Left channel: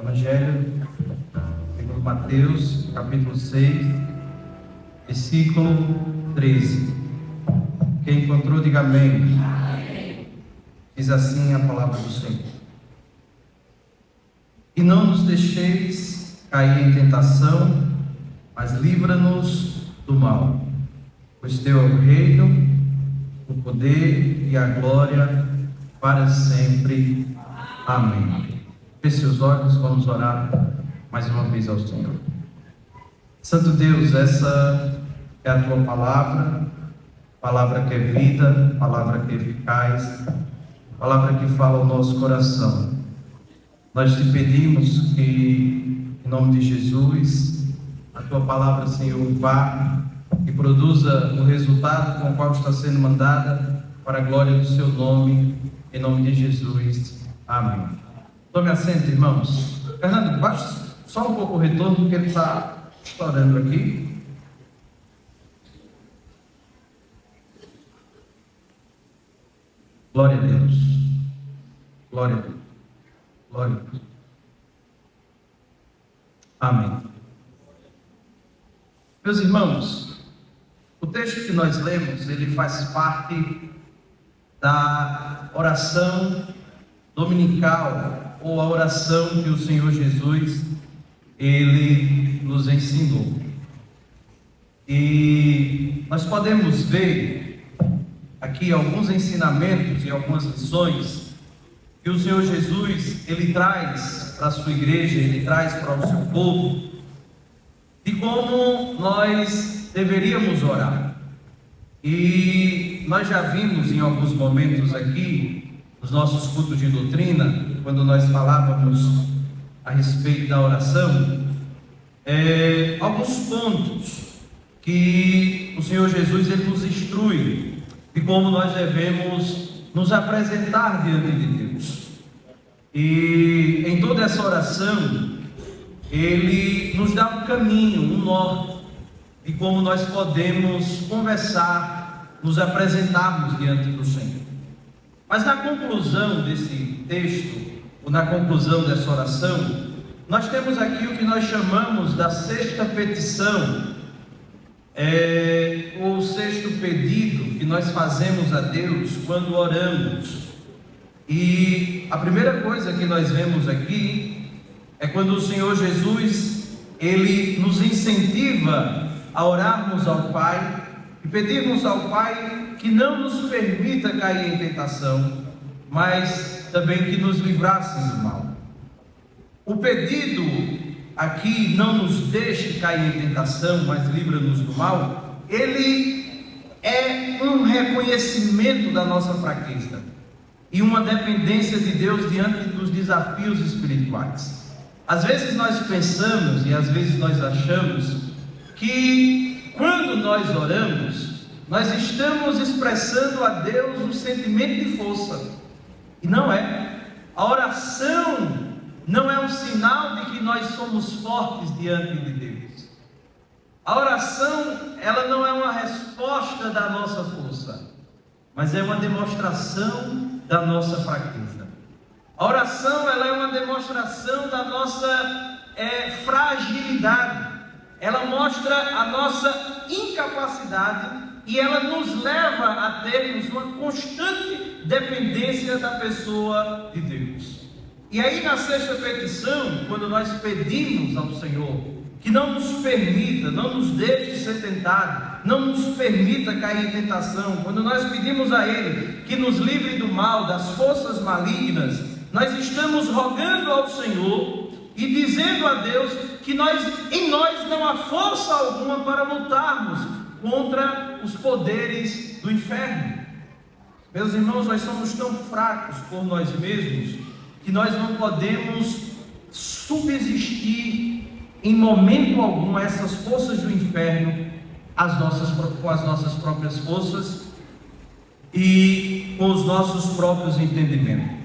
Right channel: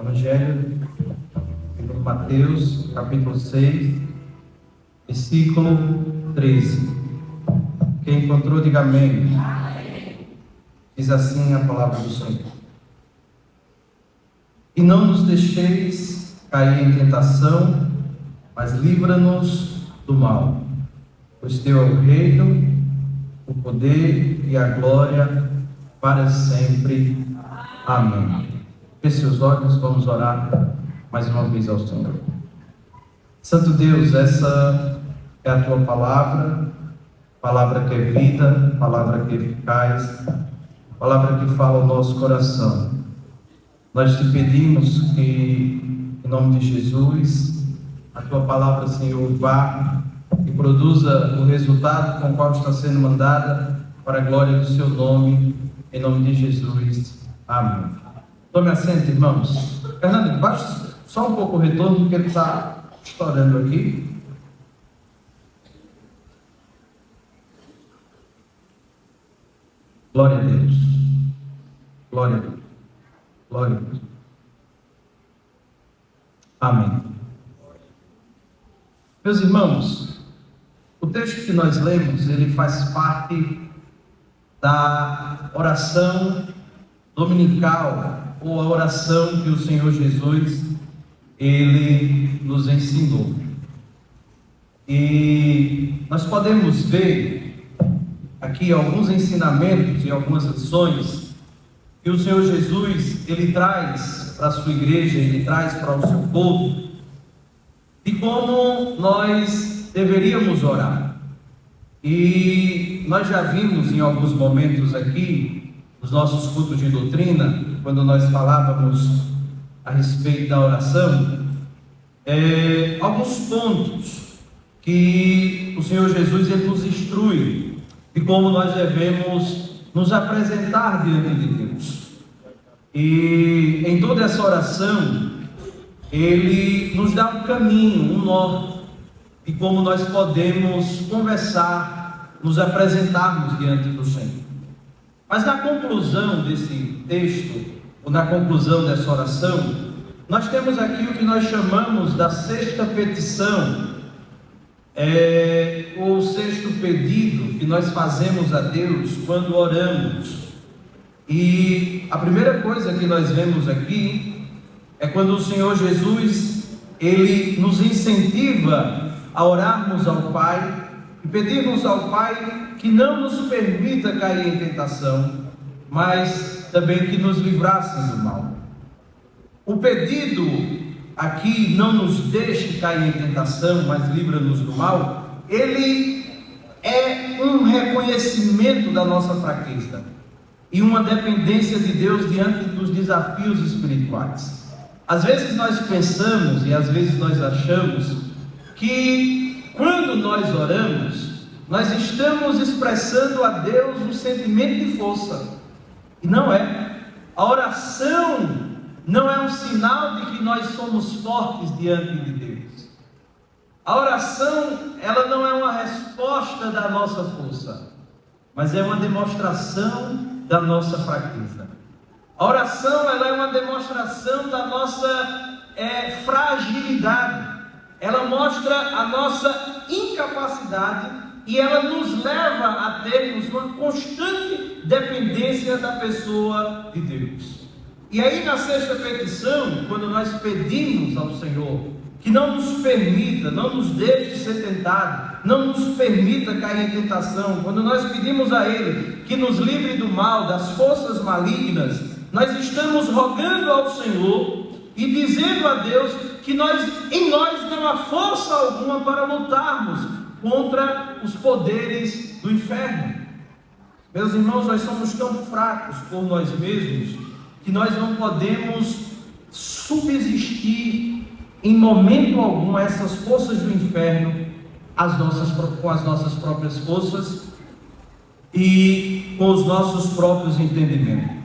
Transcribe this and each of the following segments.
Evangelho de Mateus, capítulo 6, versículo 13. Quem encontrou, diga amém. Diz assim a palavra do Senhor: E não nos deixeis cair em tentação, mas livra-nos do mal. Pois teu é o reino, o poder e a glória para sempre. Amém. Feche seus olhos, vamos orar mais uma vez ao Senhor. Santo Deus, essa é a tua palavra, palavra que é vida, palavra que é eficaz, palavra que fala o nosso coração. Nós te pedimos que, em nome de Jesus, a tua palavra, Senhor, vá e produza o resultado com o qual está sendo mandada, para a glória do seu nome, em nome de Jesus. Amém. Tome assento, irmãos. Fernando, baixa só um pouco o retorno, porque ele está estourando aqui. Glória a Deus. Glória a Deus. Glória a Deus. Amém. Meus irmãos, o texto que nós lemos, ele faz parte da oração dominical, ou a oração que o Senhor Jesus, ele nos ensinou. E nós podemos ver aqui alguns ensinamentos e algumas lições que o Senhor Jesus, ele traz para a sua igreja, ele traz para o seu povo, de como nós deveríamos orar. E nós já vimos em alguns momentos aqui, nos nossos cultos de doutrina, quando nós falávamos a respeito da oração, alguns pontos que o Senhor Jesus ele nos instrui de como nós devemos nos apresentar diante de Deus. E em toda essa oração, ele nos dá um caminho, um norte de como nós podemos conversar, nos apresentarmos diante do Senhor. Mas na conclusão desse texto, ou na conclusão dessa oração, nós temos aqui o que nós chamamos da sexta petição, ou o sexto pedido que nós fazemos a Deus quando oramos. E a primeira coisa que nós vemos aqui é quando o Senhor Jesus, ele nos incentiva a orarmos ao Pai e pedirmos ao Pai que não nos permita cair em tentação, mas também que nos livrasse do mal. O pedido aqui, não nos deixe cair em tentação, mas livra-nos do mal, ele é um reconhecimento da nossa fraqueza e uma dependência de Deus diante dos desafios espirituais. Às vezes nós pensamos e às vezes nós achamos que quando nós oramos, nós estamos expressando a Deus um sentimento de força, e não é. A oração não é um sinal de que nós somos fortes diante de Deus. A oração, ela não é uma resposta da nossa força, mas é uma demonstração da nossa fraqueza. A oração, ela é uma demonstração da nossa fragilidade. Ela mostra a nossa incapacidade e ela nos leva a termos uma constante dependência da pessoa de Deus. E aí na sexta petição, quando nós pedimos ao Senhor que não nos permita, não nos deixe ser tentado, não nos permita cair em tentação, quando nós pedimos a Ele que nos livre do mal, das forças malignas, nós estamos rogando ao Senhor e dizendo a Deus que em nós não há força alguma para lutarmos contra os poderes do inferno. Meus irmãos, nós somos tão fracos por nós mesmos que nós não podemos subsistir em momento algum a essas forças do inferno com as nossas próprias forças e com os nossos próprios entendimentos.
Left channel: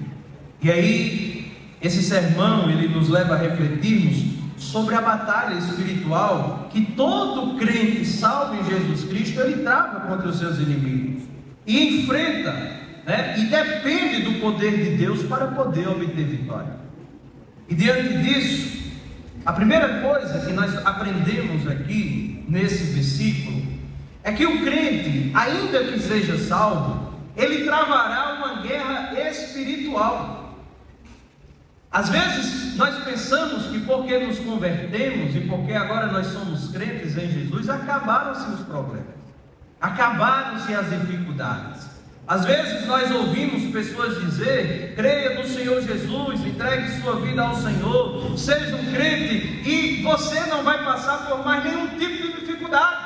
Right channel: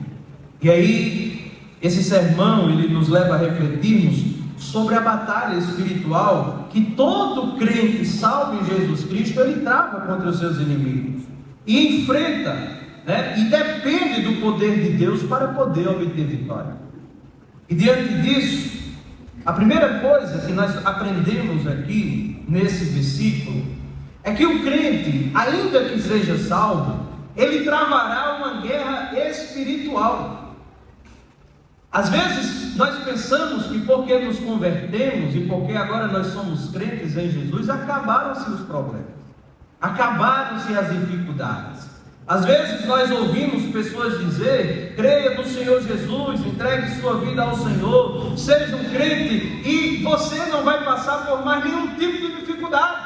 E aí, esse sermão, ele nos leva a refletirmos sobre a batalha espiritual que todo crente salvo em Jesus Cristo, ele trava contra os seus inimigos e enfrenta, e depende do poder de Deus para poder obter vitória. E diante disso, a primeira coisa que nós aprendemos aqui nesse versículo é que o crente, ainda que seja salvo, ele travará uma guerra espiritual. Às vezes nós pensamos que porque nos convertemos e porque agora nós somos crentes em Jesus, acabaram-se os problemas, acabaram-se as dificuldades. Às vezes nós ouvimos pessoas dizer: creia no Senhor Jesus, entregue sua vida ao Senhor, seja um crente, e você não vai passar por mais nenhum tipo de dificuldade.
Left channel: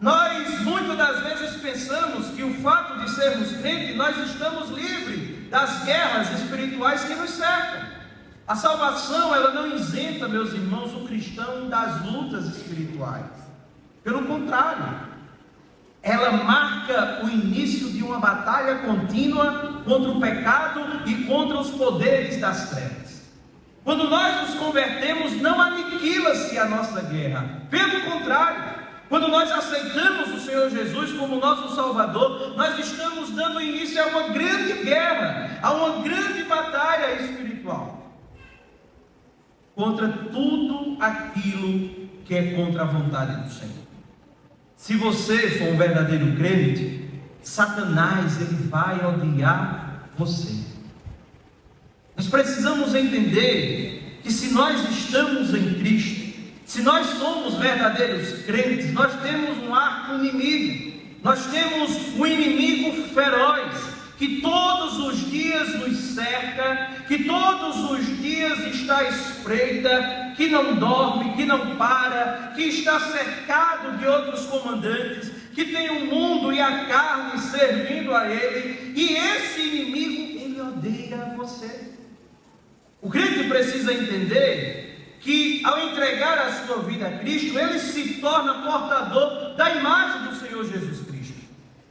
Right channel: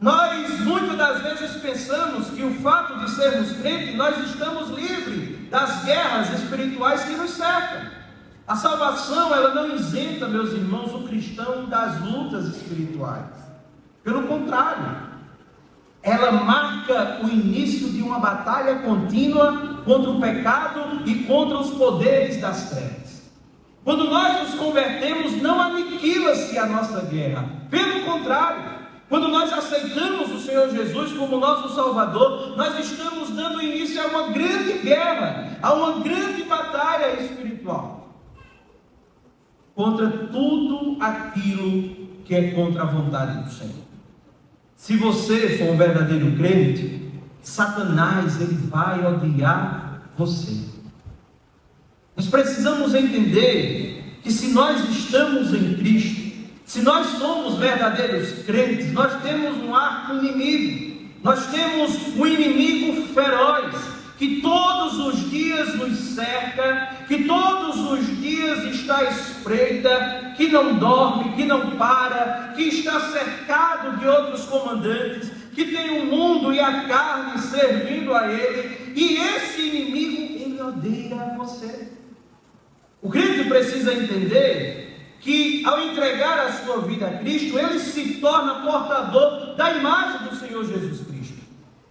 Nós muitas das vezes pensamos que o fato de sermos crentes, nós estamos livres das guerras espirituais que nos cercam. A salvação, ela não isenta, meus irmãos, o cristão das lutas espirituais. Pelo contrário, ela marca o início de uma batalha contínua contra o pecado e contra os poderes das trevas. Quando nós nos convertemos, não aniquila-se a nossa guerra. Pelo contrário, quando nós aceitamos o Senhor Jesus como nosso Salvador, nós estamos dando início a uma grande guerra, a uma grande batalha espiritual contra tudo aquilo que é contra a vontade do Senhor. Se você for um verdadeiro crente, Satanás, ele vai odiar você. Nós precisamos entender que se nós estamos em Cristo, se nós somos verdadeiros crentes, nós temos um arco inimigo, nós temos um inimigo feroz, que todos os dias nos cerca, que todos os dias está à espreita, que não dorme, que não para, que está cercado de outros comandantes, que tem o mundo e a carne servindo a ele, e esse inimigo, ele odeia você. O crente precisa entender que ao entregar a sua vida a Cristo, ele se torna portador da imagem do Senhor Jesus Cristo.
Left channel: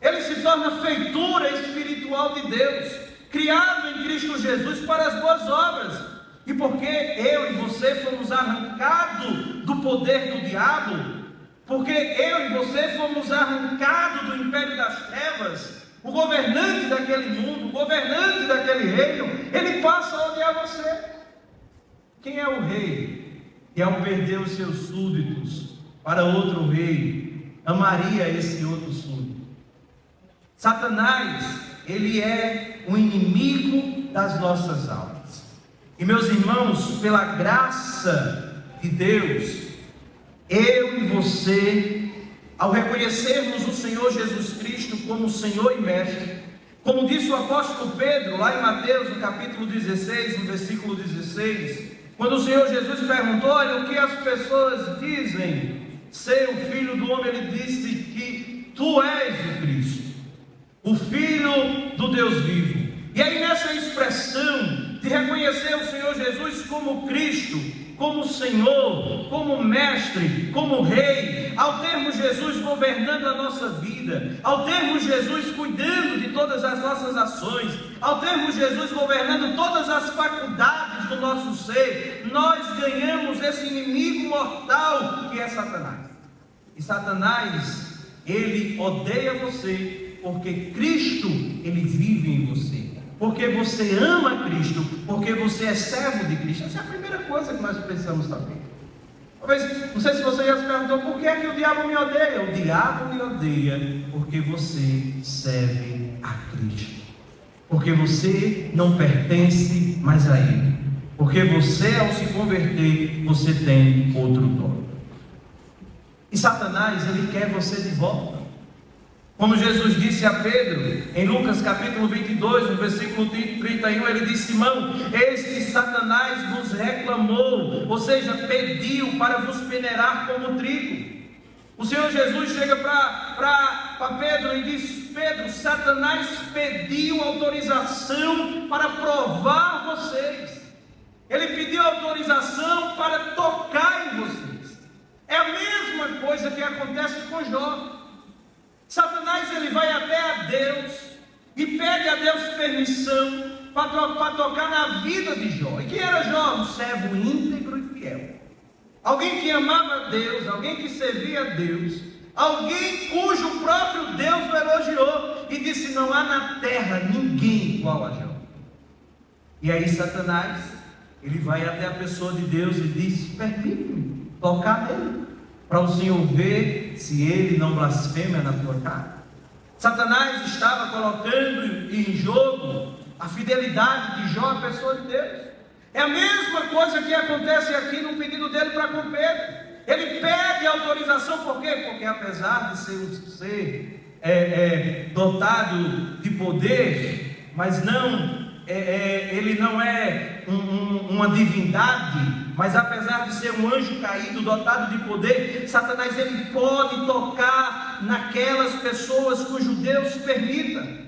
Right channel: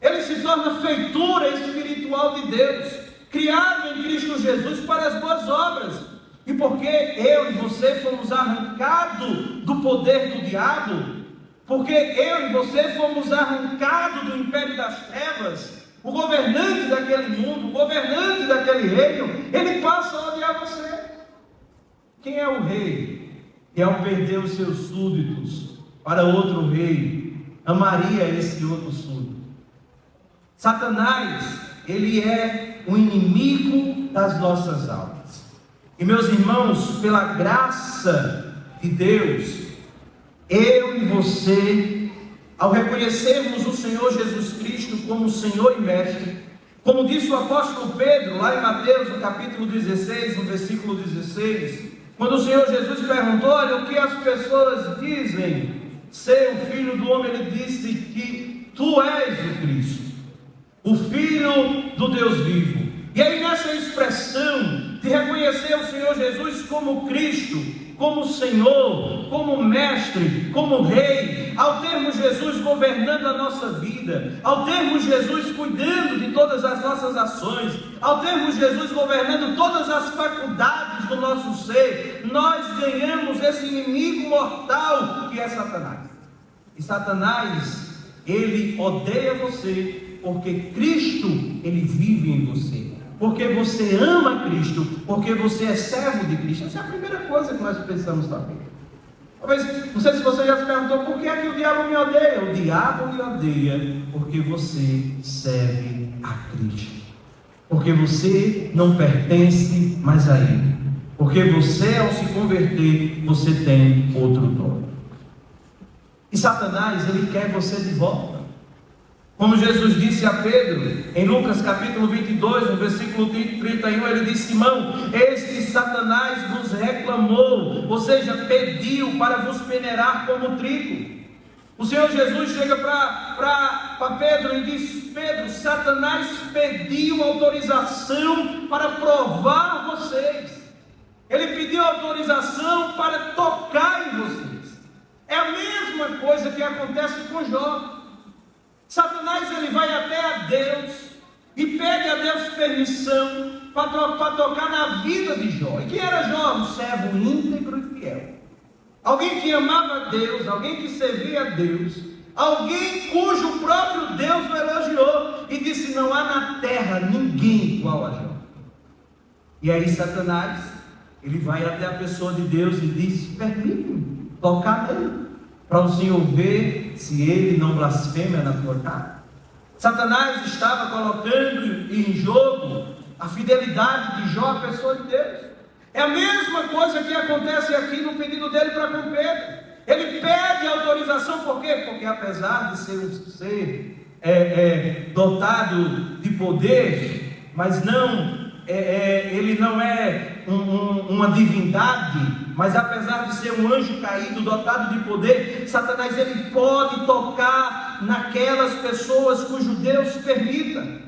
Ele se torna feitura espiritual de Deus, criado em Cristo Jesus para as boas obras. E porque eu e você fomos arrancados do poder do diabo, porque eu e você fomos arrancados do império das trevas, o governante daquele mundo, o governante daquele reino, ele passa a odiar você. Quem é o rei que, ao perder os seus súditos para outro rei, amaria esse outro súdito? Satanás, ele é um inimigo das nossas almas. E meus irmãos, pela graça de Deus, eu e você, ao reconhecermos o Senhor Jesus Cristo como Senhor e Mestre, como disse o apóstolo Pedro, lá em Mateus, no capítulo 16, no versículo 16, quando o Senhor Jesus perguntou: olha, o que as pessoas dizem ser o Filho do Homem, ele disse que tu és o Cristo, o Filho do Deus vivo. E aí nessa expressão de reconhecer o Senhor Jesus como Cristo, como Senhor, como Mestre, como Rei, ao termos Jesus governando a nossa vida, ao termos Jesus cuidando de todas as nossas ações, ao termos Jesus governando todas as faculdades do nosso ser, nós ganhamos esse inimigo mortal que é Satanás. E Satanás, ele odeia você porque Cristo, ele vive em você, porque você ama Cristo, porque você é servo de Cristo. Essa é a primeira coisa que nós precisamos saber. Talvez, não sei se você já se perguntou: por que é que o diabo me odeia? O diabo me odeia porque você serve a Cristo, porque você não pertence mais a Ele, porque você, ao se converter, você tem outro dono. E Satanás, ele quer você de volta. Como Jesus disse a Pedro, em Lucas capítulo 22, no versículo 31, ele disse: Simão, eis que Satanás vos reclamou, ou seja, pediu para vos peneirar como trigo. O Senhor Jesus chega para Pedro e diz: Pedro, Satanás pediu autorização para provar vocês. Ele pediu autorização para tocar em vocês. É a mesma coisa que acontece com Jó. Satanás, ele vai até a Deus e pede a Deus permissão para tocar na vida de Jó. E quem era Jó? Um servo íntegro e fiel, alguém que amava a Deus, alguém que servia a Deus, alguém cujo próprio Deus o elogiou e disse: não há na terra ninguém igual a Jó. E aí Satanás, ele vai até a pessoa de Deus e diz: permite-me tocar nele, para o Senhor ver se ele não blasfema na tua cara. Satanás estava colocando em jogo a fidelidade de Jó, a pessoa de Deus. É a mesma coisa que acontece aqui no pedido dele para com Pedro. Ele pede autorização, por quê? Porque apesar de ser um ser dotado de poder, mas não, ele não é uma divindade, mas apesar de ser um anjo caído, dotado de poder, Satanás ele pode tocar naquelas pessoas cujo Deus permita.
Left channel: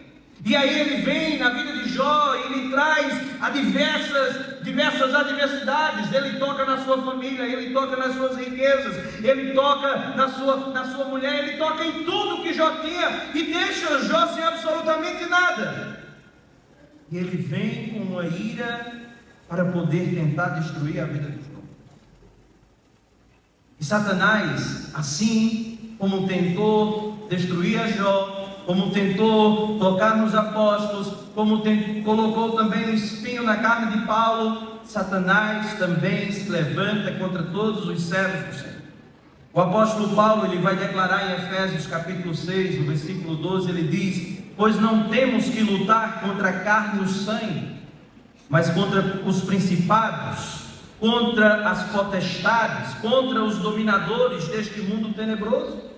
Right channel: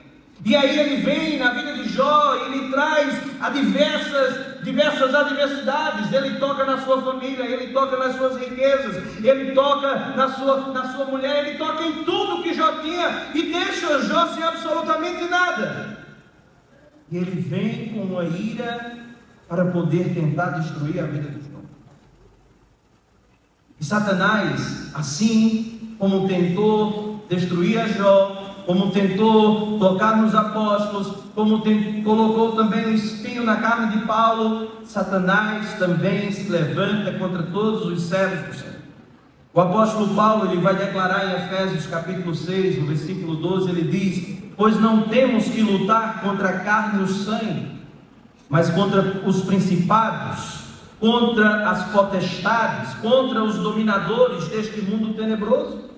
E aí ele vem na vida de Jó e ele traz a diversas adversidades. Ele toca na sua família, ele toca nas suas riquezas, ele toca na sua mulher, ele toca em tudo que Jó tinha e deixa Jó sem absolutamente nada. E ele vem com uma ira para poder tentar destruir a vida de Jó. E Satanás, assim como tentou destruir a Jó, como tentou colocar nos apóstolos, como colocou também um espinho na carne de Paulo, Satanás também se levanta contra todos os servos do Senhor. O apóstolo Paulo, ele vai declarar em Efésios capítulo 6, no versículo 12, ele diz: pois não temos que lutar contra a carne e o sangue, mas contra os principados, contra as potestades, contra os dominadores deste mundo tenebroso.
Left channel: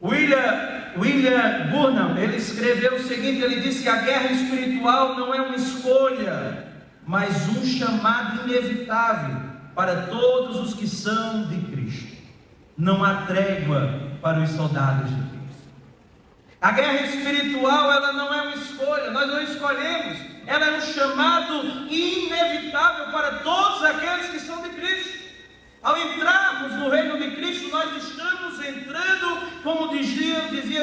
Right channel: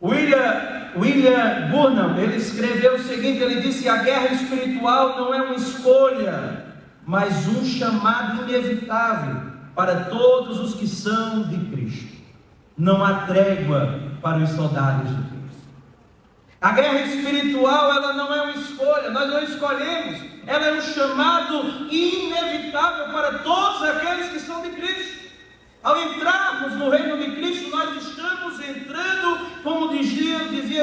William Burnham, ele escreveu o seguinte, ele disse que a guerra espiritual não é uma escolha, mas um chamado inevitável para todos os que são de Cristo. Não há trégua para os soldados de Cristo. A guerra espiritual, ela não é uma escolha, nós não escolhemos, ela é um chamado inevitável para todos aqueles que são de Cristo. Ao entrarmos no reino de Cristo, nós estamos entrando, como dizia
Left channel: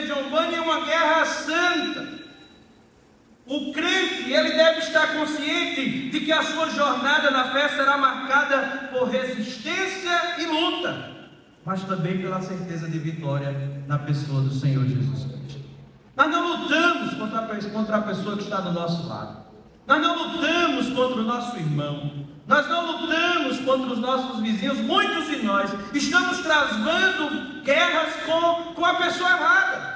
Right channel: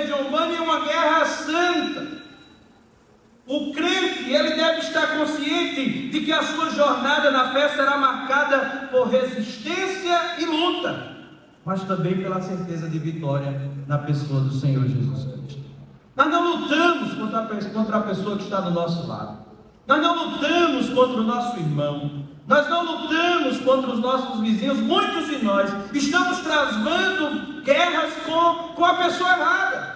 John Bunyan, em uma guerra santa. O crente, ele deve estar consciente de que a sua jornada na fé será marcada por resistência e luta, mas também pela certeza de vitória na pessoa do Senhor Jesus Cristo. Nós não lutamos contra a pessoa que está do nosso lado. Nós não lutamos contra o nosso irmão. Nós não lutamos contra os nossos vizinhos. Muitos de nós estamos travando guerras com a pessoa errada.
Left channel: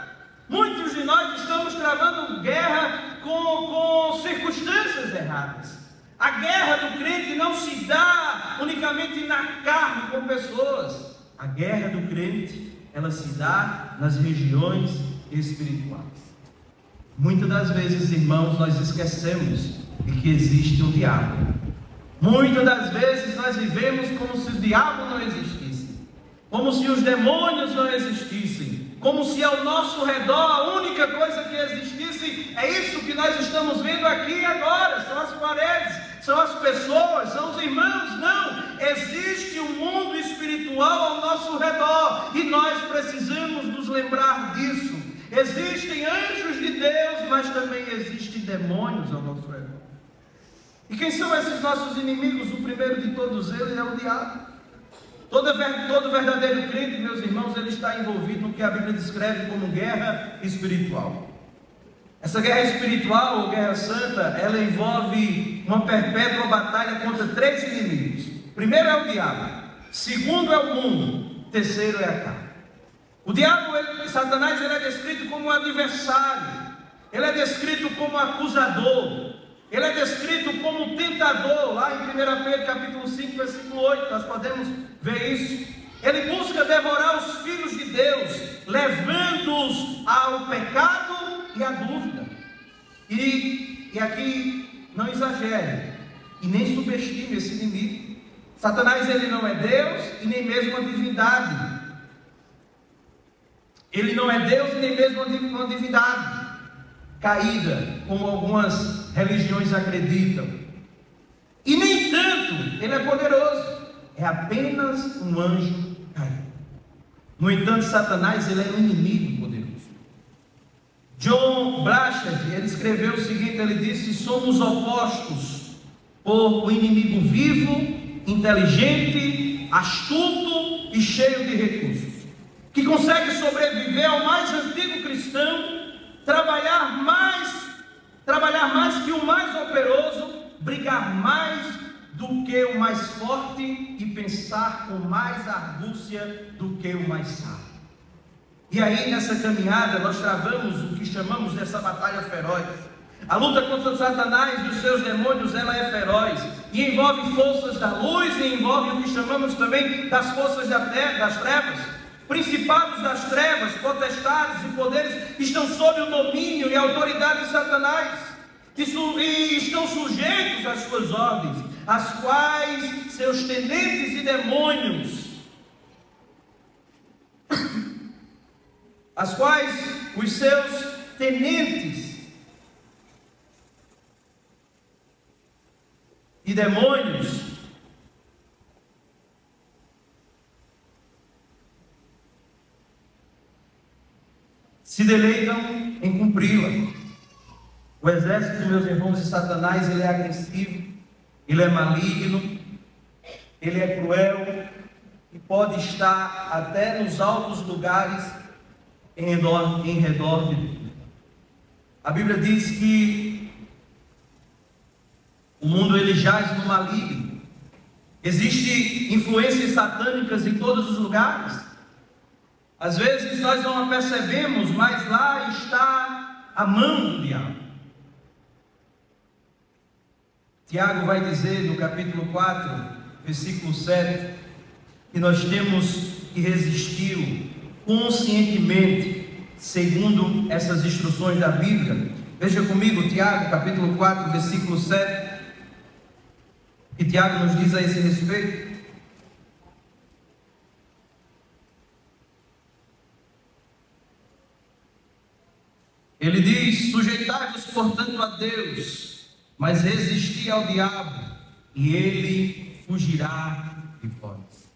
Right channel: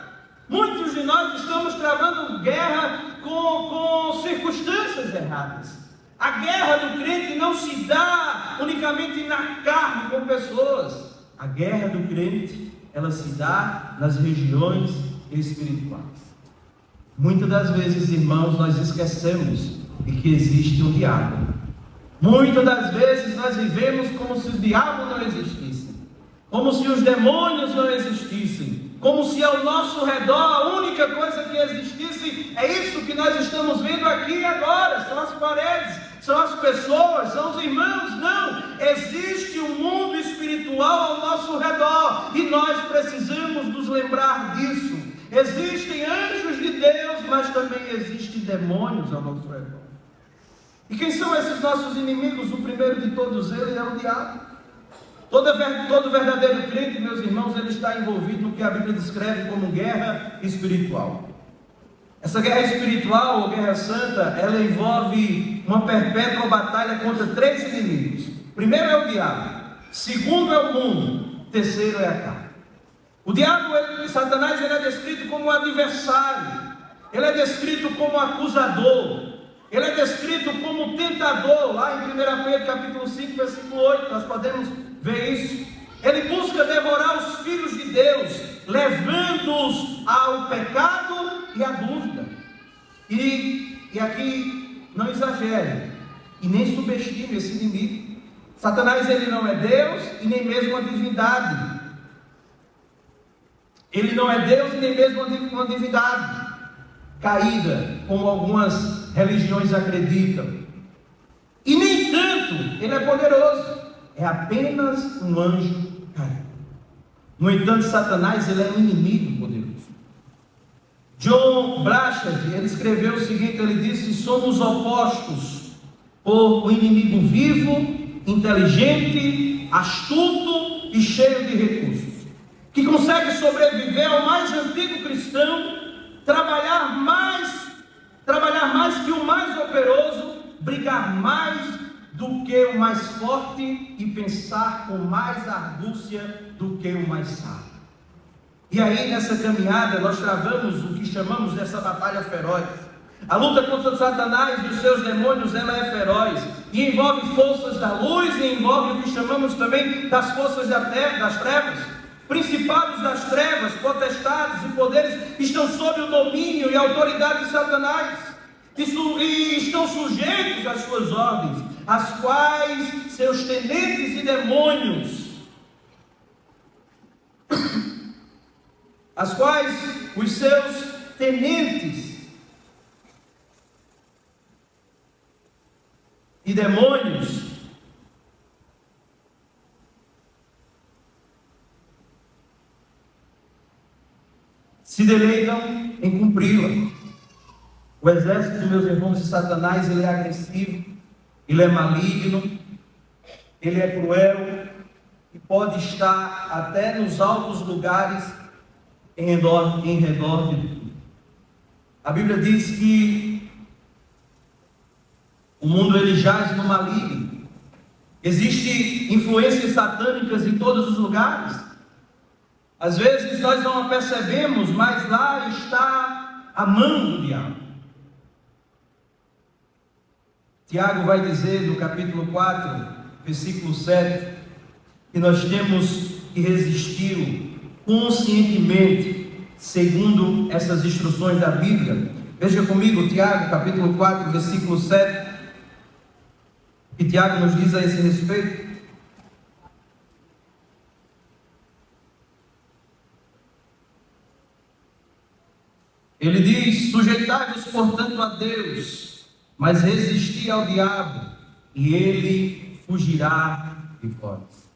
Muitos de nós estamos travando guerra com circunstâncias erradas. A guerra do crente não se dá unicamente na carne com pessoas. A guerra do crente, ela se dá nas regiões espirituais. Muitas das vezes, irmãos, nós esquecemos de que existe um diabo. Muitas das vezes nós vivemos como se o diabo não existisse, como se os demônios não existissem, como se ao nosso redor a única coisa que existisse é isso que nós estamos vendo aqui agora, são as paredes, são as pessoas, são os irmãos. Não, existe um mundo espiritual ao nosso redor e nós precisamos nos lembrar disso. Existem anjos de Deus, mas também existem demônios ao nosso redor. E quem são esses nossos inimigos? O primeiro de todos eles é o diabo. Todo verdadeiro crente, meus irmãos, ele está envolvido no que a Bíblia descreve como guerra espiritual. Essa guerra espiritual, ou guerra santa, ela envolve uma perpétua batalha contra três inimigos. Primeiro é o diabo, segundo é o mundo, terceiro é a carne. O diabo, Satanás, ele é descrito como adversário, ele é descrito como acusador, ele é descrito como tentador. Lá em 1 Pedro capítulo 5, versículo 8, nós podemos ver isso. Ele busca devorar os filhos de Deus, levando-os ao pecado e à dúvida. E aqui não exagere e nem subestime esse inimigo. Satanás, ele não é Deus e nem mesmo uma divindade. Ele não é Deus e nem mesmo uma divindade caída, como algumas religiões acreditam. E nem tanto ele é poderoso, é apenas um anjo caído. No entanto, Satanás, ele é um inimigo poderoso. John Blachard, ele escreveu o seguinte, ele disse: somos opostos por um inimigo vivo, inteligente, astuto e cheio de recursos, que consegue sobreviver ao mais antigo cristão, trabalhar mais que o mais operário brigar mais do que o mais forte e pensar com mais argúcia do que o mais sábio. E aí nessa caminhada nós travamos o que chamamos dessa batalha feroz. A luta contra Satanás e os seus demônios, ela é feroz, e envolve forças da luz, e envolve o que chamamos também das forças das trevas. Principados das trevas, potestades e poderes estão sob o domínio e autoridade de Satanás, e estão sujeitos às suas ordens, as quais seus tenentes e demônios, as quais os seus tenentes e demônios se deleitam em cumpri-la. O exército, meus irmãos, de Satanás, ele é agressivo, ele é maligno, ele é cruel e pode estar até nos altos lugares em redor de tudo. A Bíblia diz que o mundo ele jaz no maligno. Existem influências satânicas em todos os lugares. Às vezes nós não a percebemos, mas lá está a mão do diabo. Tiago vai dizer no capítulo 4, versículo 7, que nós temos que resistir conscientemente, segundo essas instruções da Bíblia. Veja comigo, Tiago, capítulo 4, versículo 7. O que Tiago nos diz a esse respeito? Ele diz: sujeitai-vos, portanto, a Deus, mas resisti ao diabo, e ele fugirá de vós.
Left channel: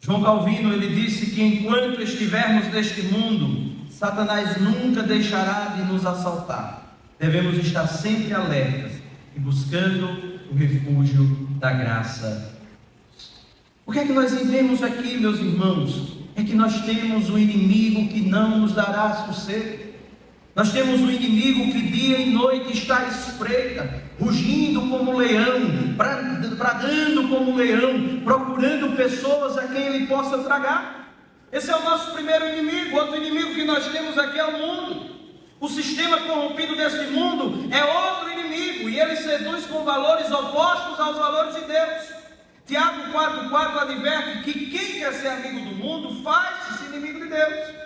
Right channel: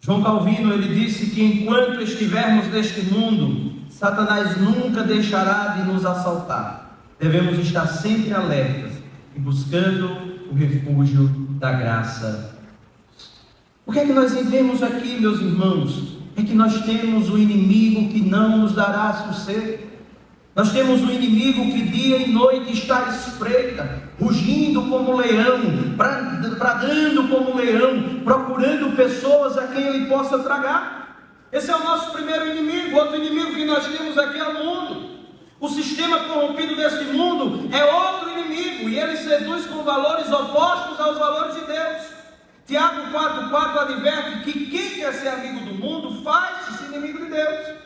João Calvino, ele disse que enquanto estivermos neste mundo, Satanás nunca deixará de nos assaltar. Devemos estar sempre alertas e buscando o refúgio da graça. O que é que nós vivemos aqui, meus irmãos? É que nós temos um inimigo que não nos dará sossego. Nós temos um inimigo que dia e noite está à espreita, rugindo como leão, bradando como leão, procurando pessoas a quem ele possa tragar. Esse é o nosso primeiro inimigo. Outro inimigo que nós temos aqui é o mundo. O sistema corrompido desse mundo é outro inimigo, e ele seduz com valores opostos aos valores de Deus. Tiago 4,4 adverte que quem quer ser amigo do mundo faz-se inimigo de Deus.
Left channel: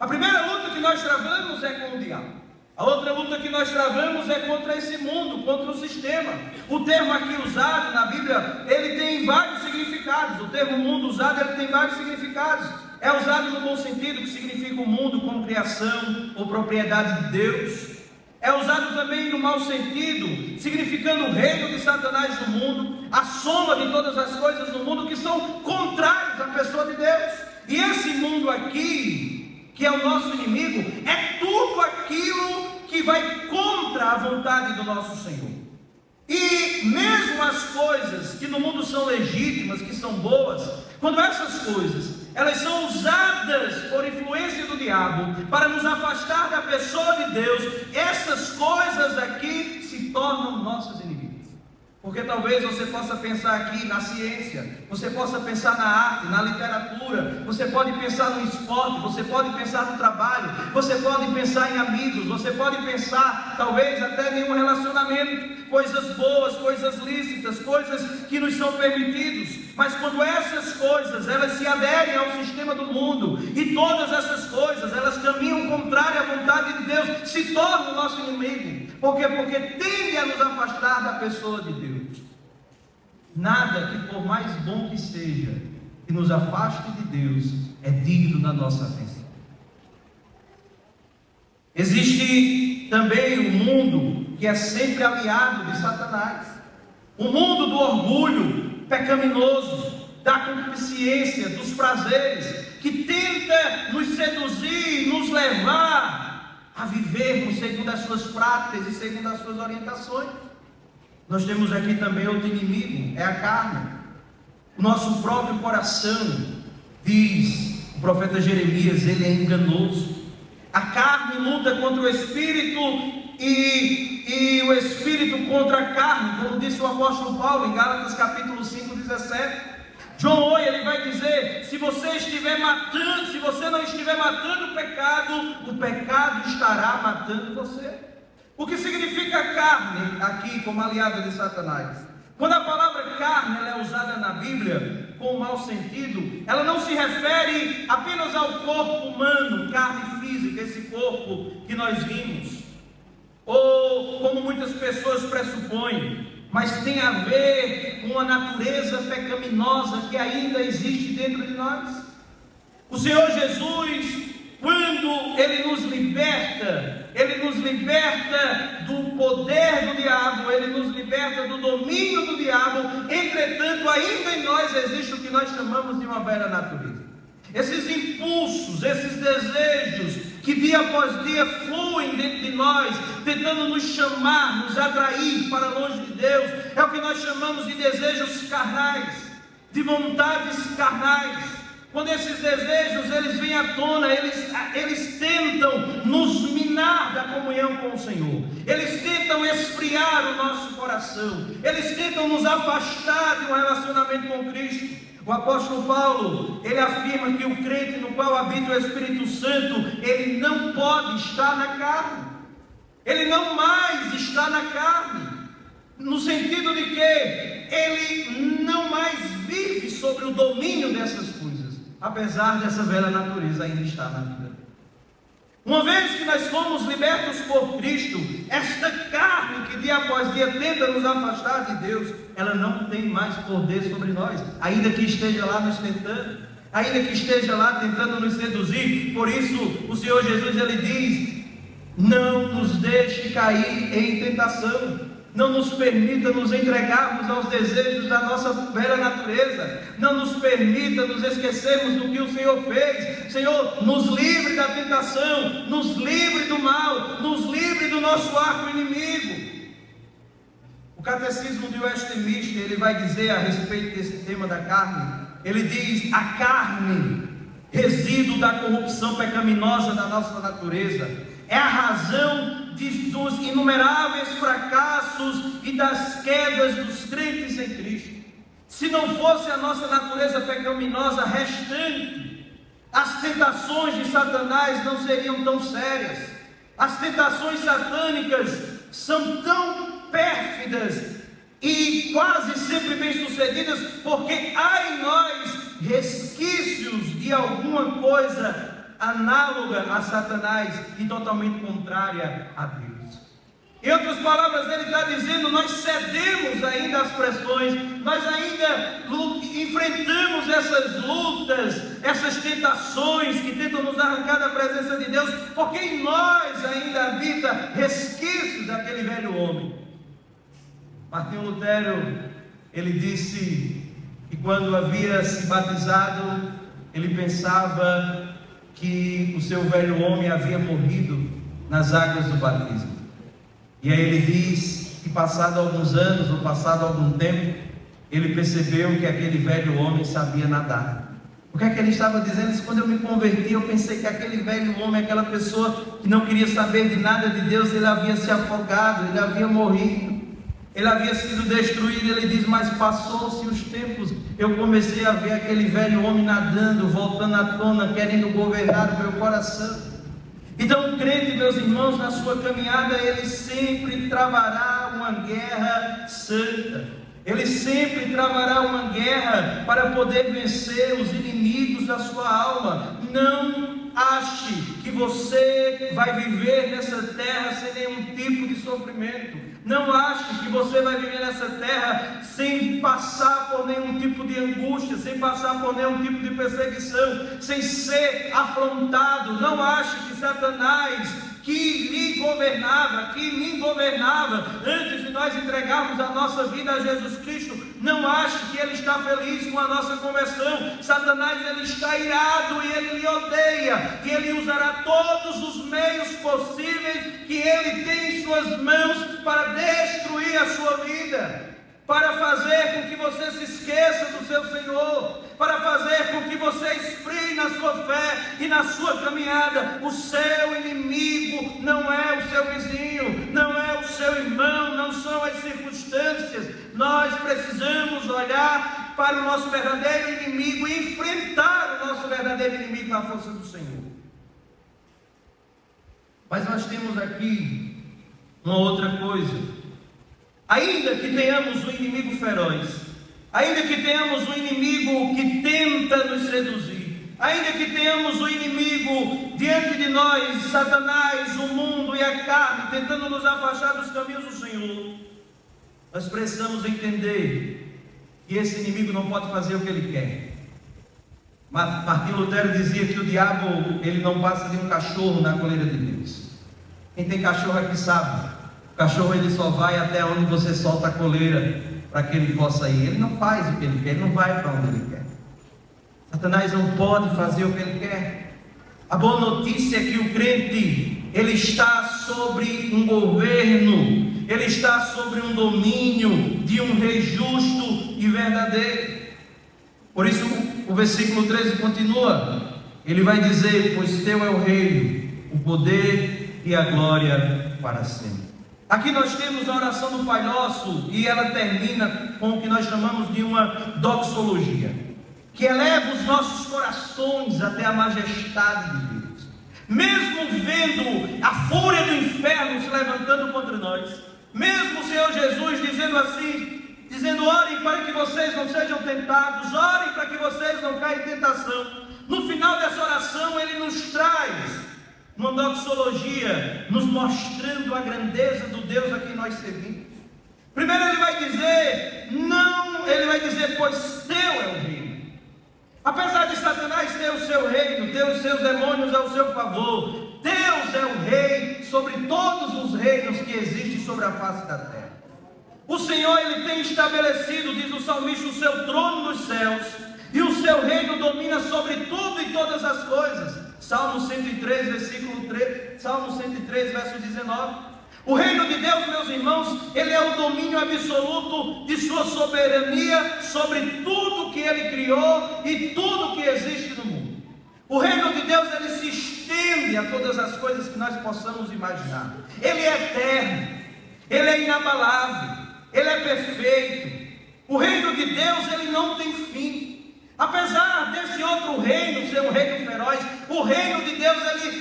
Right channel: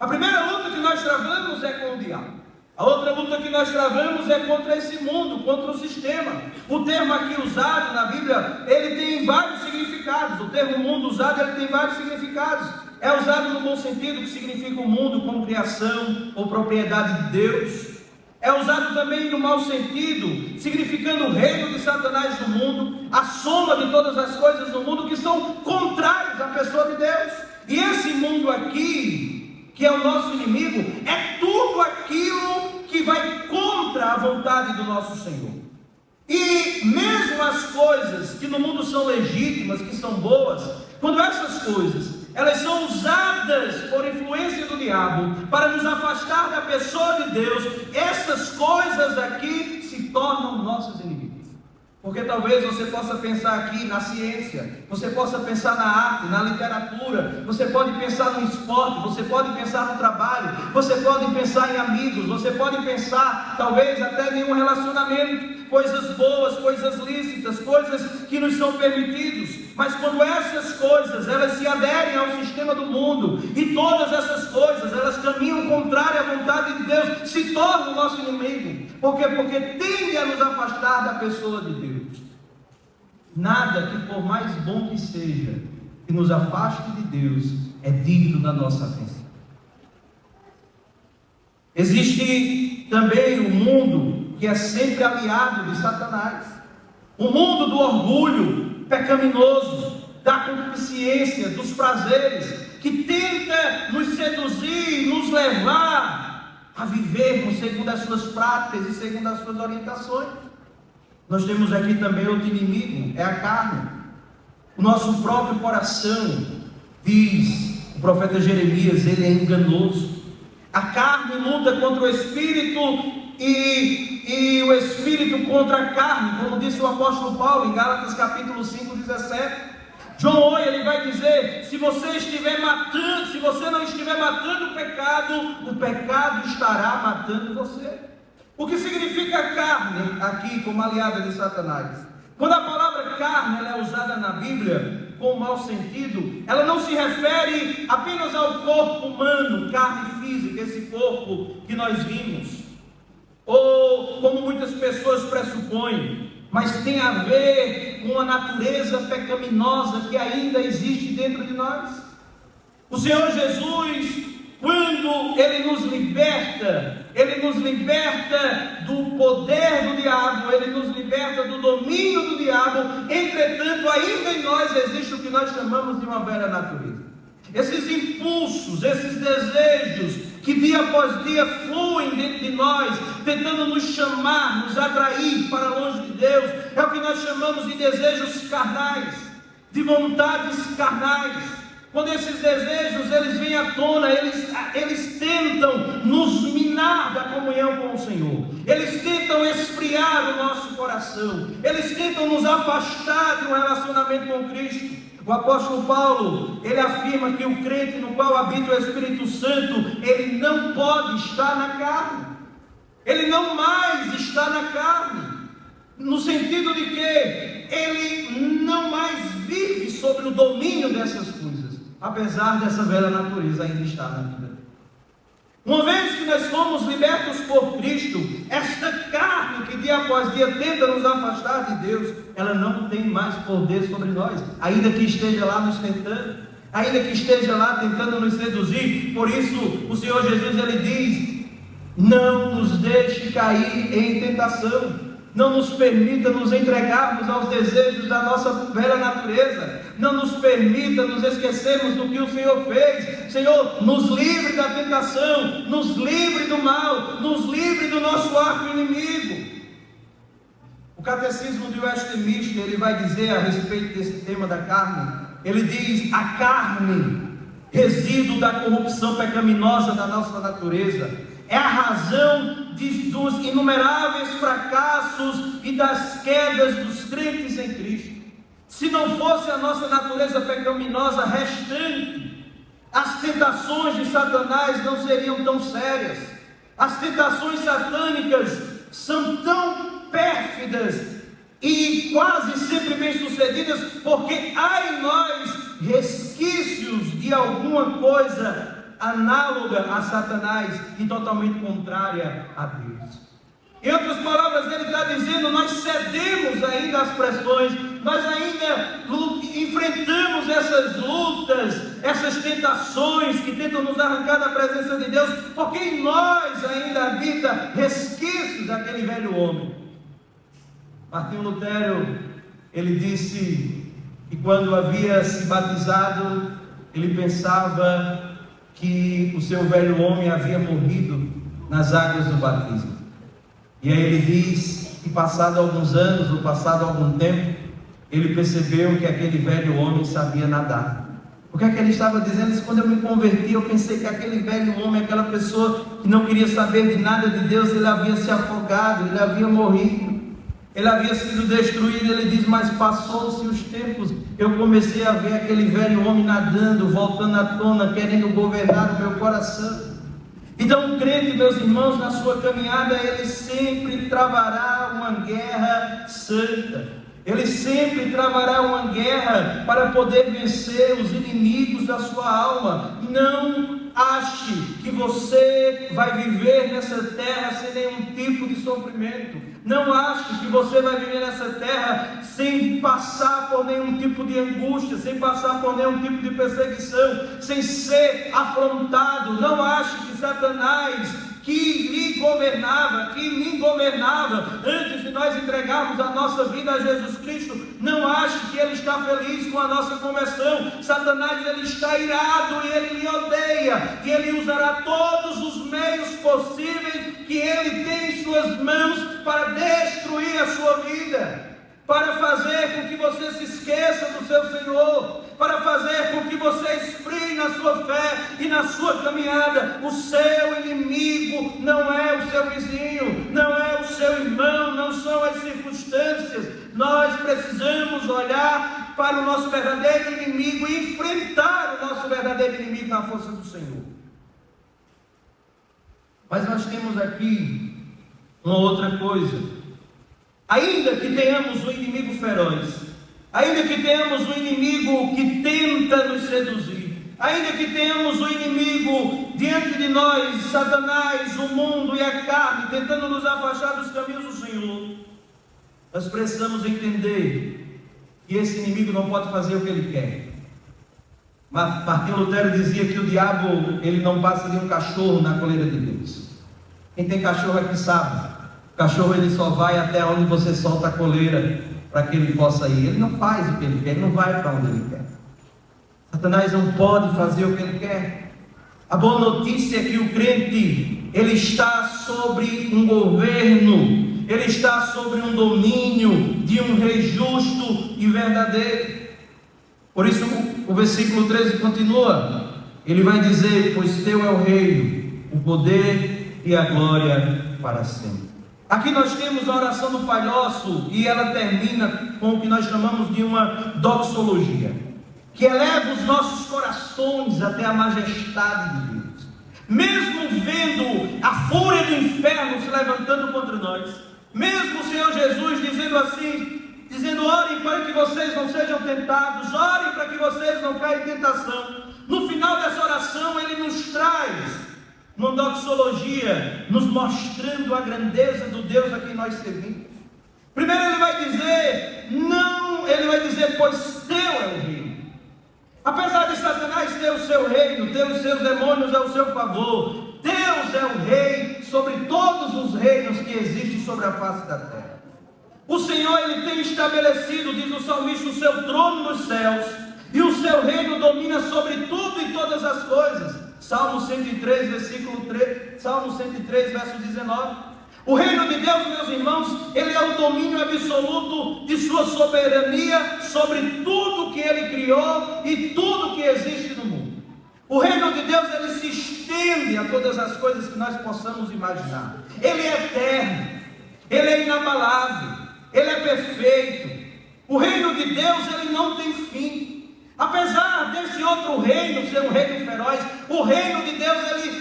A primeira luta que nós travamos é com o diabo. A outra luta que nós travamos é contra esse mundo, contra o sistema. O termo aqui usado na Bíblia, ele tem vários significados. O termo mundo usado, ele tem vários significados. É usado no bom sentido, que significa o mundo como criação ou propriedade de Deus. É usado também no mau sentido, significando o reino de Satanás no mundo, a soma de todas as coisas no mundo que são contrárias à pessoa de Deus. E esse mundo aqui, que é o nosso inimigo, é tudo aquilo que vai contra a vontade do nosso Senhor. E mesmo as coisas que no mundo são legítimas, que são boas, quando essas coisas elas são usadas por influência do diabo para nos afastar da pessoa de Deus, essas coisas aqui se tornam nossos inimigos. Porque talvez você possa pensar aqui na ciência, você possa pensar na arte, na literatura, você pode pensar no esporte, você pode pensar no trabalho, você pode pensar em amigos, você pode pensar talvez até em um relacionamento, coisas boas, coisas lícitas, coisas que nos são permitidos. Mas quando essas coisas elas se aderem ao sistema do mundo, e todas essas coisas elas caminham contrário à vontade de Deus, se tornam o nosso inimigo. Por quê? Porque tende a nos afastar da pessoa de Deus. Nada que por mais bom que seja, que nos afaste de Deus, é digno da nossa atenção. Existe também um mundo que é sempre aliado de Satanás, o mundo do orgulho pecaminoso, da concupiscência, dos prazeres, que tenta nos seduzir, nos levar a vivermos segundo as suas práticas e segundo as suas orientações. Nós temos aqui também outro inimigo, é a carne. O nosso próprio coração, diz o profeta Jeremias, ele é enganoso. A carne luta contra o espírito e e o Espírito contra a carne, como disse o apóstolo Paulo em Gálatas capítulo 5, 17. John Owen, ele vai dizer: se você não estiver matando o pecado estará matando você. O que significa carne aqui como aliada de Satanás? Quando a palavra carne ela é usada na Bíblia com mau sentido, ela não se refere apenas ao corpo humano, carne física, esse corpo que nós vimos, ou como muitas pessoas pressupõem, mas tem a ver com a natureza pecaminosa que ainda existe dentro de nós. O Senhor Jesus, quando Ele nos liberta do poder do diabo, Ele nos liberta do domínio do diabo. Entretanto, ainda em nós existe o que nós chamamos de uma velha natureza. Esses impulsos, esses desejos que dia após dia fluem dentro de nós, tentando nos chamar, nos atrair para longe de Deus, é o que nós chamamos de desejos carnais, de vontades carnais. Quando esses desejos eles vêm à tona, eles tentam nos minar da comunhão com o Senhor, eles tentam esfriar o nosso coração, eles tentam nos afastar de um relacionamento com Cristo. O apóstolo Paulo, ele afirma que o crente no qual habita o Espírito Santo, ele não pode estar na carne, ele não mais está na carne, no sentido de que ele não mais vive sob o domínio dessas coisas, apesar dessa velha natureza ainda estar na vida. Uma vez que nós fomos libertos por Cristo, esta carne que dia após dia tenta nos afastar de Deus, ela não tem mais poder sobre nós, ainda que esteja lá nos tentando, ainda que esteja lá tentando nos seduzir. Por isso o Senhor Jesus ele diz: não nos deixe cair em tentação, não nos permita nos entregarmos aos desejos da nossa velha natureza, não nos permita nos esquecermos do que o Senhor fez. Senhor, nos livre da tentação, nos livre do mal, nos livre do nosso arco inimigo. O Catecismo de Westminster, ele vai dizer a respeito desse tema da carne, ele diz: a carne, resíduo da corrupção pecaminosa da nossa natureza, é a razão dos inumeráveis fracassos e das quedas dos crentes em Cristo. Se não fosse a nossa natureza pecaminosa restante, as tentações de Satanás não seriam tão sérias. As tentações satânicas são tão pérfidas e quase sempre bem-sucedidas, porque há em nós resquícios de alguma coisa análoga a Satanás e totalmente contrária a Deus. Em outras palavras, ele está dizendo: nós cedemos ainda às pressões, nós ainda enfrentamos essas lutas, essas tentações que tentam nos arrancar da presença de Deus, porque em nós ainda habita resquícios daquele velho homem. Martinho Lutero, ele disse que quando havia se batizado, ele pensava que o seu velho homem havia morrido nas águas do batismo. E aí ele diz que passado alguns anos, ou passado algum tempo, ele percebeu que aquele velho homem sabia nadar. O que é que ele estava dizendo? Quando eu me converti, eu pensei que aquele velho homem, aquela pessoa que não queria saber de nada de Deus, ele havia se afogado, ele havia morrido, ele havia sido destruído. Ele diz: mas passou-se os tempos, eu comecei a ver aquele velho homem nadando, voltando à tona, querendo governar o meu coração. Então o crente, meus irmãos, na sua caminhada, ele sempre travará uma guerra santa, ele sempre travará uma guerra para poder vencer os inimigos da sua alma. Não ache que você vai viver nessa terra sem nenhum tipo de sofrimento. Não ache que você vai viver nessa terra sem passar por nenhum tipo de angústia, sem passar por nenhum tipo de perseguição, sem ser afrontado. Não ache que Satanás, que me governava antes de nós entregarmos a nossa vida a Jesus Cristo, não ache que ele está feliz com a nossa conversão. Satanás, ele está irado e ele lhe odeia, e ele usará todos os meios possíveis que ele tem em suas mãos para destruir a sua vida, para fazer com que você se esqueça do seu Senhor, para fazer com que você esfrie na sua fé e na sua caminhada. O seu inimigo não é o seu vizinho, não é o seu irmão, não são as circunstâncias. Nós precisamos olhar para o nosso verdadeiro inimigo e enfrentar o nosso verdadeiro inimigo na força do Senhor. Mas nós temos aqui uma outra coisa. Ainda que tenhamos um inimigo feroz, ainda que tenhamos um inimigo que tenta nos seduzir, ainda que tenhamos um inimigo diante de nós, Satanás, o mundo e a carne, tentando nos afastar dos caminhos do Senhor, nós precisamos entender que esse inimigo não pode fazer o que ele quer. Martinho Lutero dizia que o diabo, ele não passa de um cachorro na coleira de Deus. Quem tem cachorro é que sabe. O cachorro, ele só vai até onde você solta a coleira para que ele possa ir. Ele não faz o que ele quer, ele não vai para onde ele quer. Satanás não pode fazer o que ele quer. A boa notícia é que o crente, ele está sobre um governo, ele está sobre um domínio de um rei justo e verdadeiro. Por isso o versículo 13 continua, ele vai dizer: pois teu é o reino, o poder e a glória para sempre. Aqui nós temos a oração do Pai Nosso, e ela termina com o que nós chamamos de uma doxologia, que eleva os nossos corações até a majestade de Deus. Mesmo vendo a fúria do inferno se levantando contra nós, mesmo o Senhor Jesus dizendo assim, dizendo: orem para que vocês não sejam tentados, orem para que vocês não caiam em tentação. No final dessa oração ele nos traz uma doxologia, nos mostrando a grandeza do Deus a quem nós servimos. Primeiro ele vai dizer, pois teu é o reino. Apesar de Satanás ter o seu reino, ter os seus demônios ao seu favor, Deus é o rei sobre todos os reinos que existem sobre a face da terra. O Senhor, ele tem estabelecido, diz o salmista, o seu trono nos céus, e o seu reino domina sobre tudo e todas as coisas. Salmo 103, versículo 3, Salmo 103, verso 19. O reino de Deus, meus irmãos, ele é o domínio absoluto de sua soberania sobre tudo que ele criou e tudo que existe no mundo. O reino de Deus, ele se estende a todas as coisas que nós possamos imaginar. Ele é eterno, ele é inabalável, ele é perfeito. O reino de Deus, ele não tem fim. Apesar desse outro reino ser um reino feroz, o reino de Deus,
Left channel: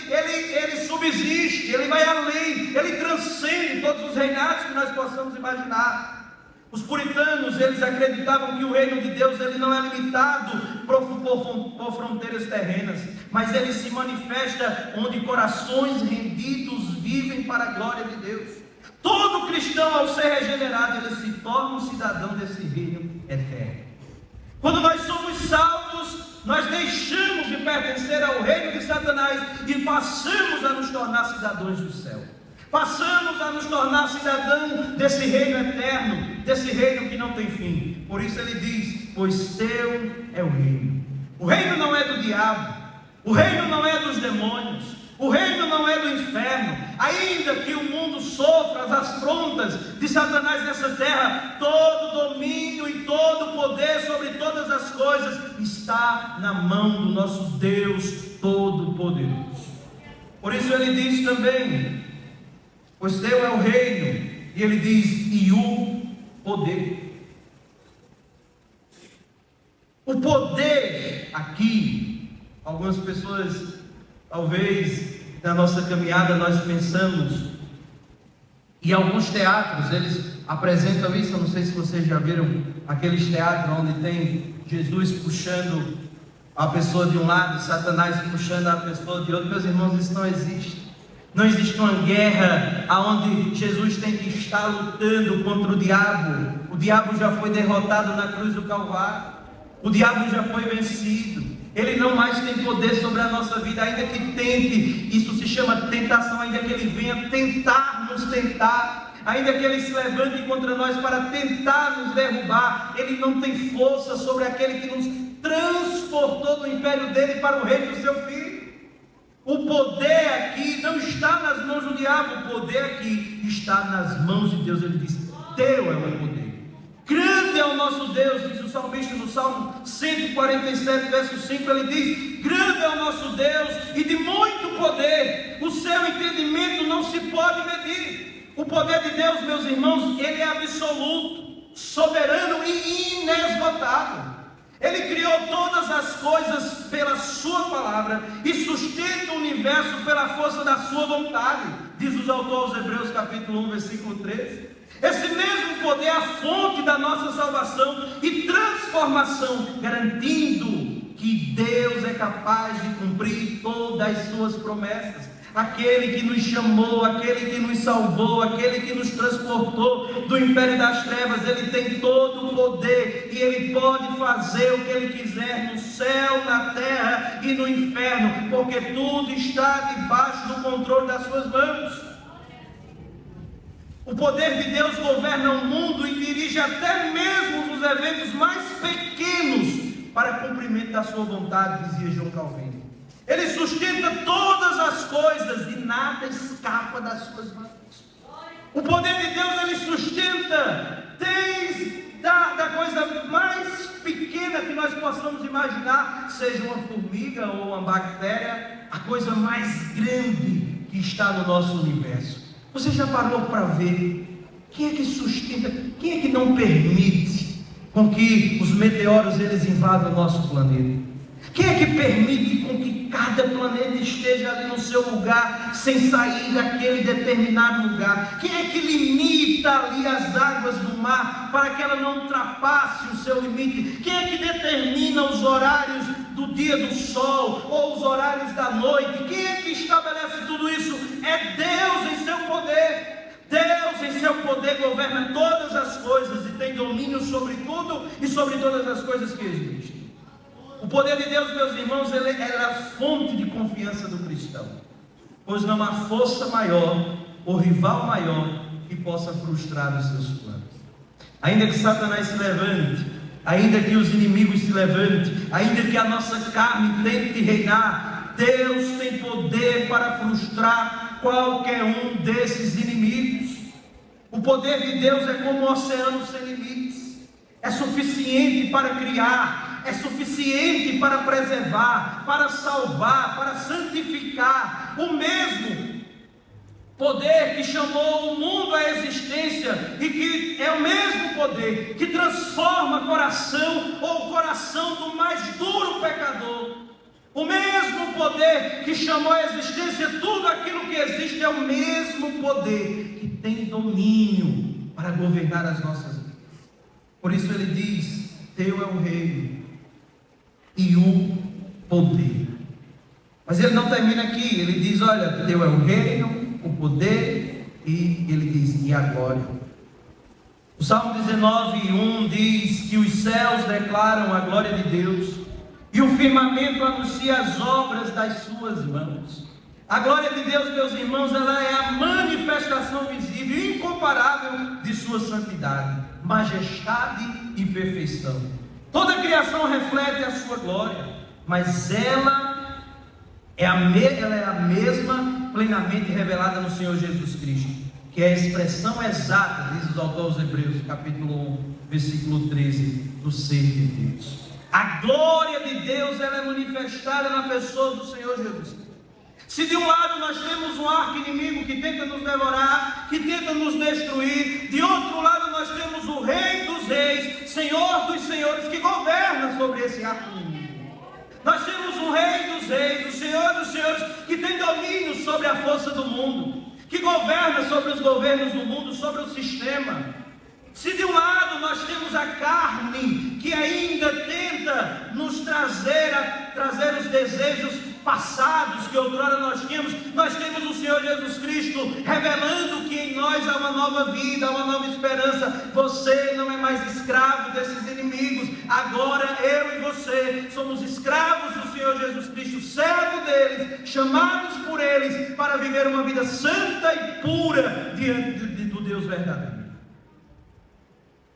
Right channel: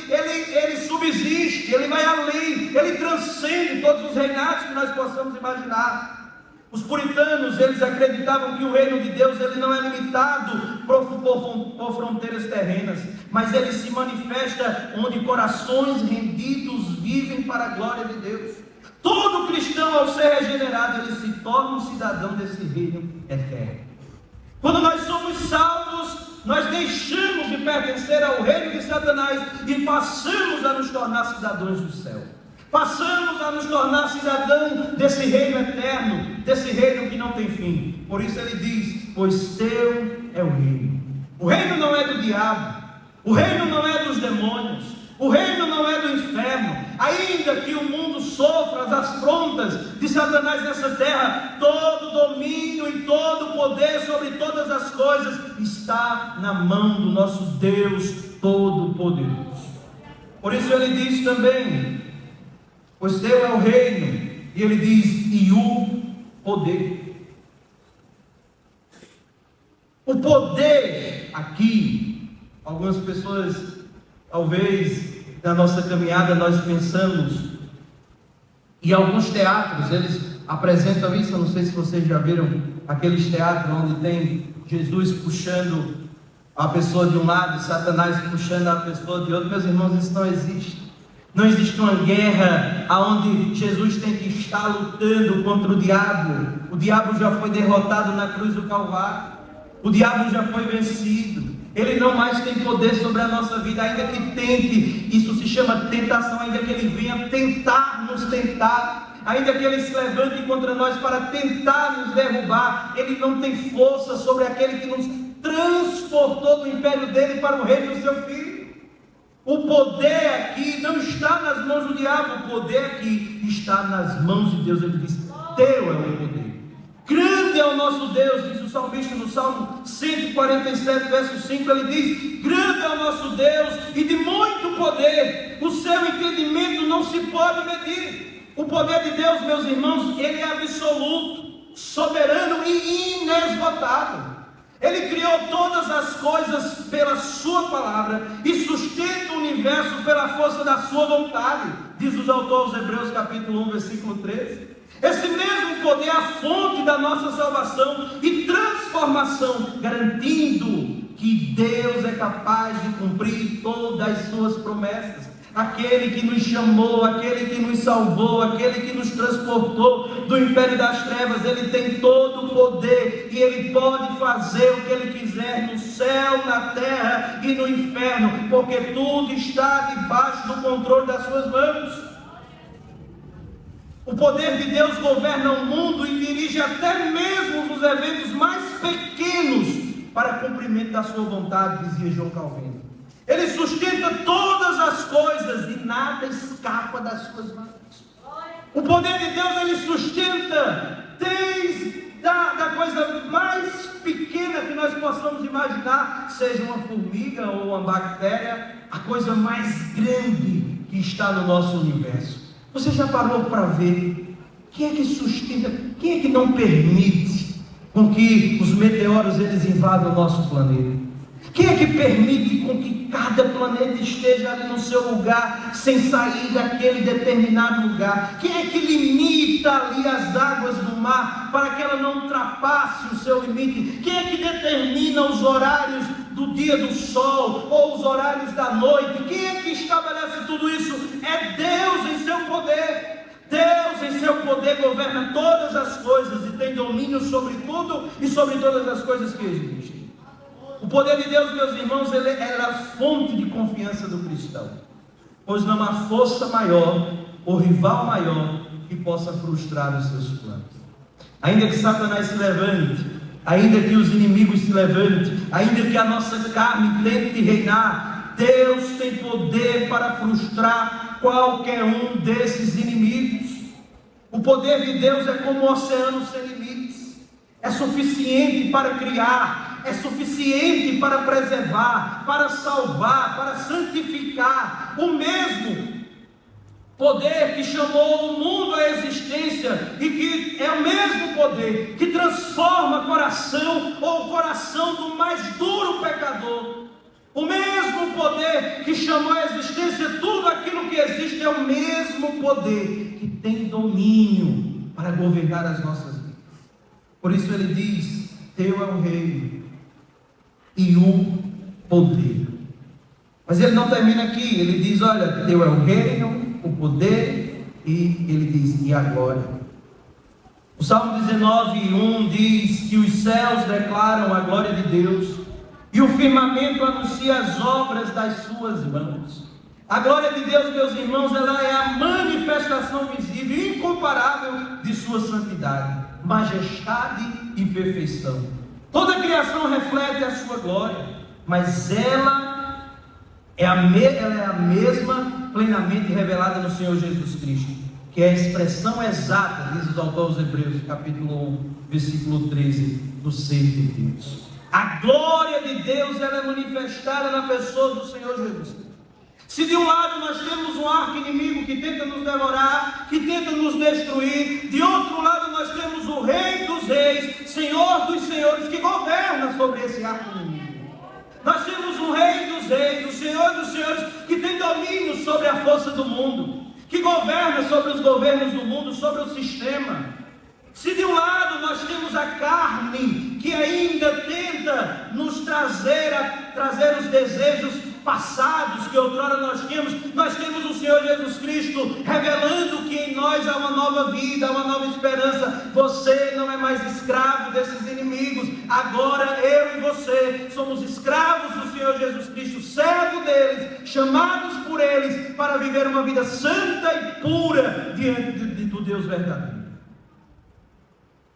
ele subsiste, ele vai além, ele transcende todos os reinados que nós possamos imaginar. Os puritanos, eles acreditavam que o reino de Deus, ele não é limitado por fronteiras terrenas, mas ele se manifesta onde corações rendidos vivem para a glória de Deus. Todo cristão, ao ser regenerado, ele se torna um cidadão desse reino eterno. Quando nós somos salvos, nós deixamos de pertencer ao reino de Satanás e passamos a nos tornar cidadãos do céu. Passamos a nos tornar cidadãos desse reino eterno, desse reino que não tem fim. Por isso ele diz, pois teu é o reino. O reino não é do diabo, o reino não é dos demônios, o reino não é do inferno. Ainda que o mundo sofra as afrontas de Satanás nessa terra, todo domínio e todo poder sobre todas as coisas está na mão do nosso Deus Todo-Poderoso. Por isso ele diz também, pois teu é o reino, e ele diz, e o poder. O poder aqui, algumas pessoas, talvez, na nossa caminhada nós pensamos, e alguns teatros, eles apresentam isso, eu não sei se vocês já viram, aqueles teatros onde tem Jesus puxando a pessoa de um lado, e Satanás puxando a pessoa de outro. Meus irmãos, isso não existe. Não existe uma guerra onde Jesus tem que estar lutando contra o diabo. O diabo já foi derrotado na cruz do Calvário. O diabo já foi vencido. Ele não mais tem poder sobre a nossa vida, ainda que tente. Isso se chama tentação, ainda que ele venha tentar nos tentar, ainda que ele se levante contra nós para tentar nos derrubar, ele não tem força sobre aquele que nos transportou do império dele para o reino de seu Filho. O poder aqui não está nas mãos do diabo, o poder aqui está nas mãos de Deus. Ele diz, teu é o poder. Grande é o nosso Deus, diz o salmista no Salmo 147, verso 5, ele diz, grande é o nosso Deus e de muito poder, o seu entendimento não se pode medir. O poder de Deus, meus irmãos, ele é absoluto, soberano e inesgotável. Ele criou todas as coisas pela sua palavra e sustenta o universo pela força da sua vontade, diz os autores Hebreus capítulo 1, versículo 13. Esse mesmo poder é a fonte da nossa salvação e transformação, garantindo que Deus é capaz de cumprir todas as suas promessas. Aquele que nos chamou, aquele que nos salvou, aquele que nos transportou do império das trevas, ele tem todo o poder e ele pode fazer o que ele quiser no céu, na terra e no inferno, porque tudo está debaixo do controle das suas mãos. O poder de Deus governa o mundo e dirige até mesmo os eventos mais pequenos para cumprimento da sua vontade, dizia João Calvino. Ele sustenta todas as coisas e nada escapa das suas mãos. O poder de Deus, ele sustenta desde da coisa mais pequena que nós possamos imaginar, seja uma formiga ou uma bactéria, a coisa mais grande que está no nosso universo. Você já parou para ver quem é que sustenta, quem é que não permite com que os meteoros eles invadam o nosso planeta? Quem é que permite com que cada planeta esteja ali no seu lugar, sem sair daquele determinado lugar? Quem é que limita ali as águas do mar, para que ela não ultrapasse o seu limite? Quem é que determina os horários do dia do sol, ou os horários da noite? Quem é que estabelece tudo isso? É Deus em seu poder. Deus em seu poder governa todas as coisas e tem domínio sobre tudo e sobre todas as coisas que existem. O poder de Deus, meus irmãos, ele é a fonte de confiança do cristão, pois não há força maior ou rival maior que possa frustrar os seus planos. Ainda que Satanás se levante, ainda que os inimigos se levantem, ainda que a nossa carne tente reinar, Deus tem poder para frustrar qualquer um desses inimigos. O poder de Deus é como um oceano sem limites, é suficiente para criar, é suficiente para preservar, para salvar, para santificar. O mesmo poder que chamou o mundo à existência e que é o mesmo poder que transforma o coração do mais duro pecador. O mesmo poder que chamou à existência tudo aquilo que existe é o mesmo poder que tem domínio para governar as nossas vidas. Por isso ele diz: teu é o reino e o poder. Mas ele não termina aqui, ele diz: olha, teu é o reino, o poder, e ele diz: e a glória. O Salmo 19:1 diz que os céus declaram a glória de Deus e o firmamento anuncia as obras das suas mãos. A glória de Deus, meus irmãos, ela é a manifestação visível e incomparável de sua santidade, majestade e perfeição. Toda a criação reflete a sua glória, mas ela é a mesma plenamente revelada no Senhor Jesus Cristo, que é a expressão exata, diz os autores Hebreus, capítulo 1, versículo 13, do ser de Deus. A glória de Deus ela é manifestada na pessoa do Senhor Jesus Cristo. Se de um lado nós temos um arco inimigo que tenta nos devorar, que tenta nos destruir, de outro lado nós temos o Rei dos Reis, Senhor dos Senhores, que governa sobre esse arco inimigo. Nós temos o Rei dos Reis, o Senhor dos Senhores, que tem domínio sobre a força do mundo, que governa sobre os governos do mundo, sobre o sistema. Se de um lado nós temos a carne, que ainda tenta nos trazer os desejos passados que outrora nós temos o Senhor Jesus Cristo revelando que em nós há uma nova vida, uma nova esperança. Você não é mais escravo desses inimigos, agora eu e você somos escravos do Senhor Jesus Cristo, servo deles, chamados por eles para viver uma vida santa e pura diante do Deus verdadeiro.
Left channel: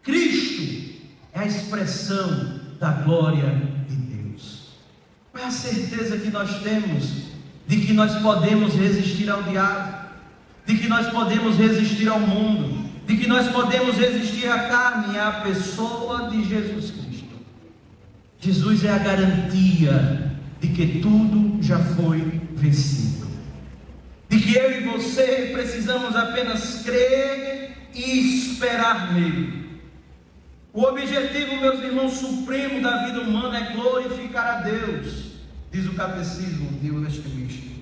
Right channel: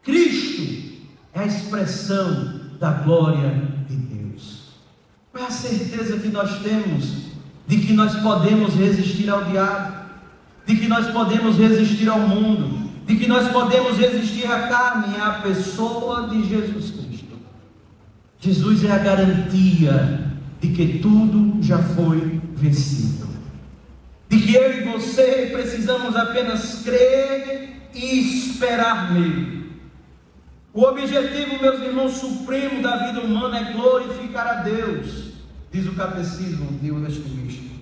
Cristo é a expressão da glória de Deus. Qual é a certeza que nós temos de que nós podemos resistir ao diabo, de que nós podemos resistir ao mundo, de que nós podemos resistir à carne e à pessoa de Jesus Cristo? Jesus é a garantia de que tudo já foi vencido, de que eu e você precisamos apenas crer e esperar nele. O objetivo, meus irmãos, supremo da vida humana é glorificar a Deus, diz o Catecismo de Westminster.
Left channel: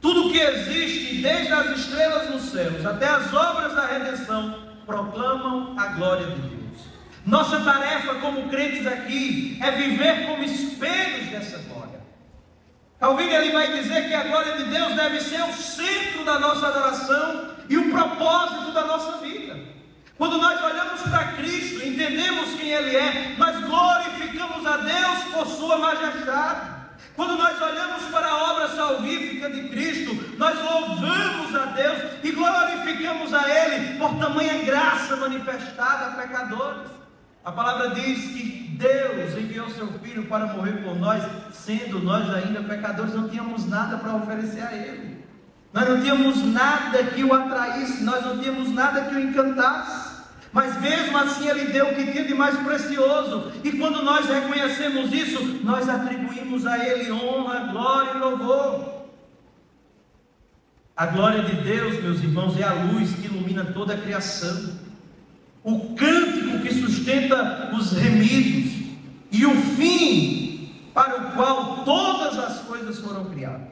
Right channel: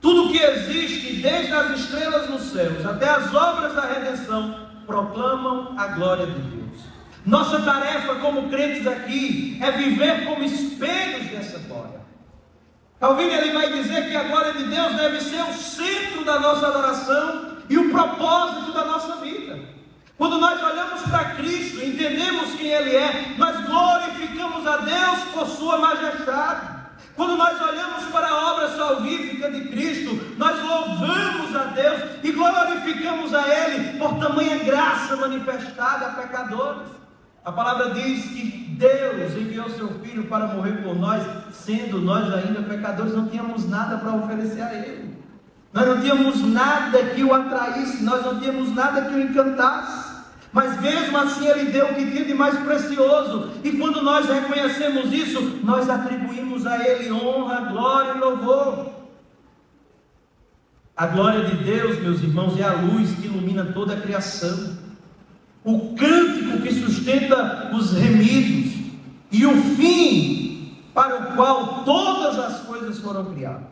Tudo que existe, desde as estrelas nos céus até as obras da redenção, proclamam a glória de Deus. Nossa tarefa como crentes aqui é viver como espelhos dessa glória. Calvino ele vai dizer que a glória de Deus deve ser o centro da nossa adoração e o propósito da nossa vida. Quando nós olhamos para Cristo, entendemos quem Ele é, nós glorificamos a Deus por Sua majestade. Quando nós olhamos para a obra salvífica de Cristo, nós louvamos a Deus e glorificamos a Ele por tamanha graça manifestada a pecadores. A palavra diz que Deus enviou Seu Filho para morrer por nós, sendo nós ainda pecadores, não tínhamos nada para oferecer a Ele. Nós não tínhamos nada que o atraísse, nós não tínhamos nada que o encantasse. Mas mesmo assim Ele deu o que tinha de mais precioso. E quando nós reconhecemos isso, nós atribuímos a Ele honra, glória e louvor. A glória de Deus, meus irmãos, é a luz que ilumina toda a criação, o cântico que sustenta os remidos e o fim para o qual todas as coisas foram criadas.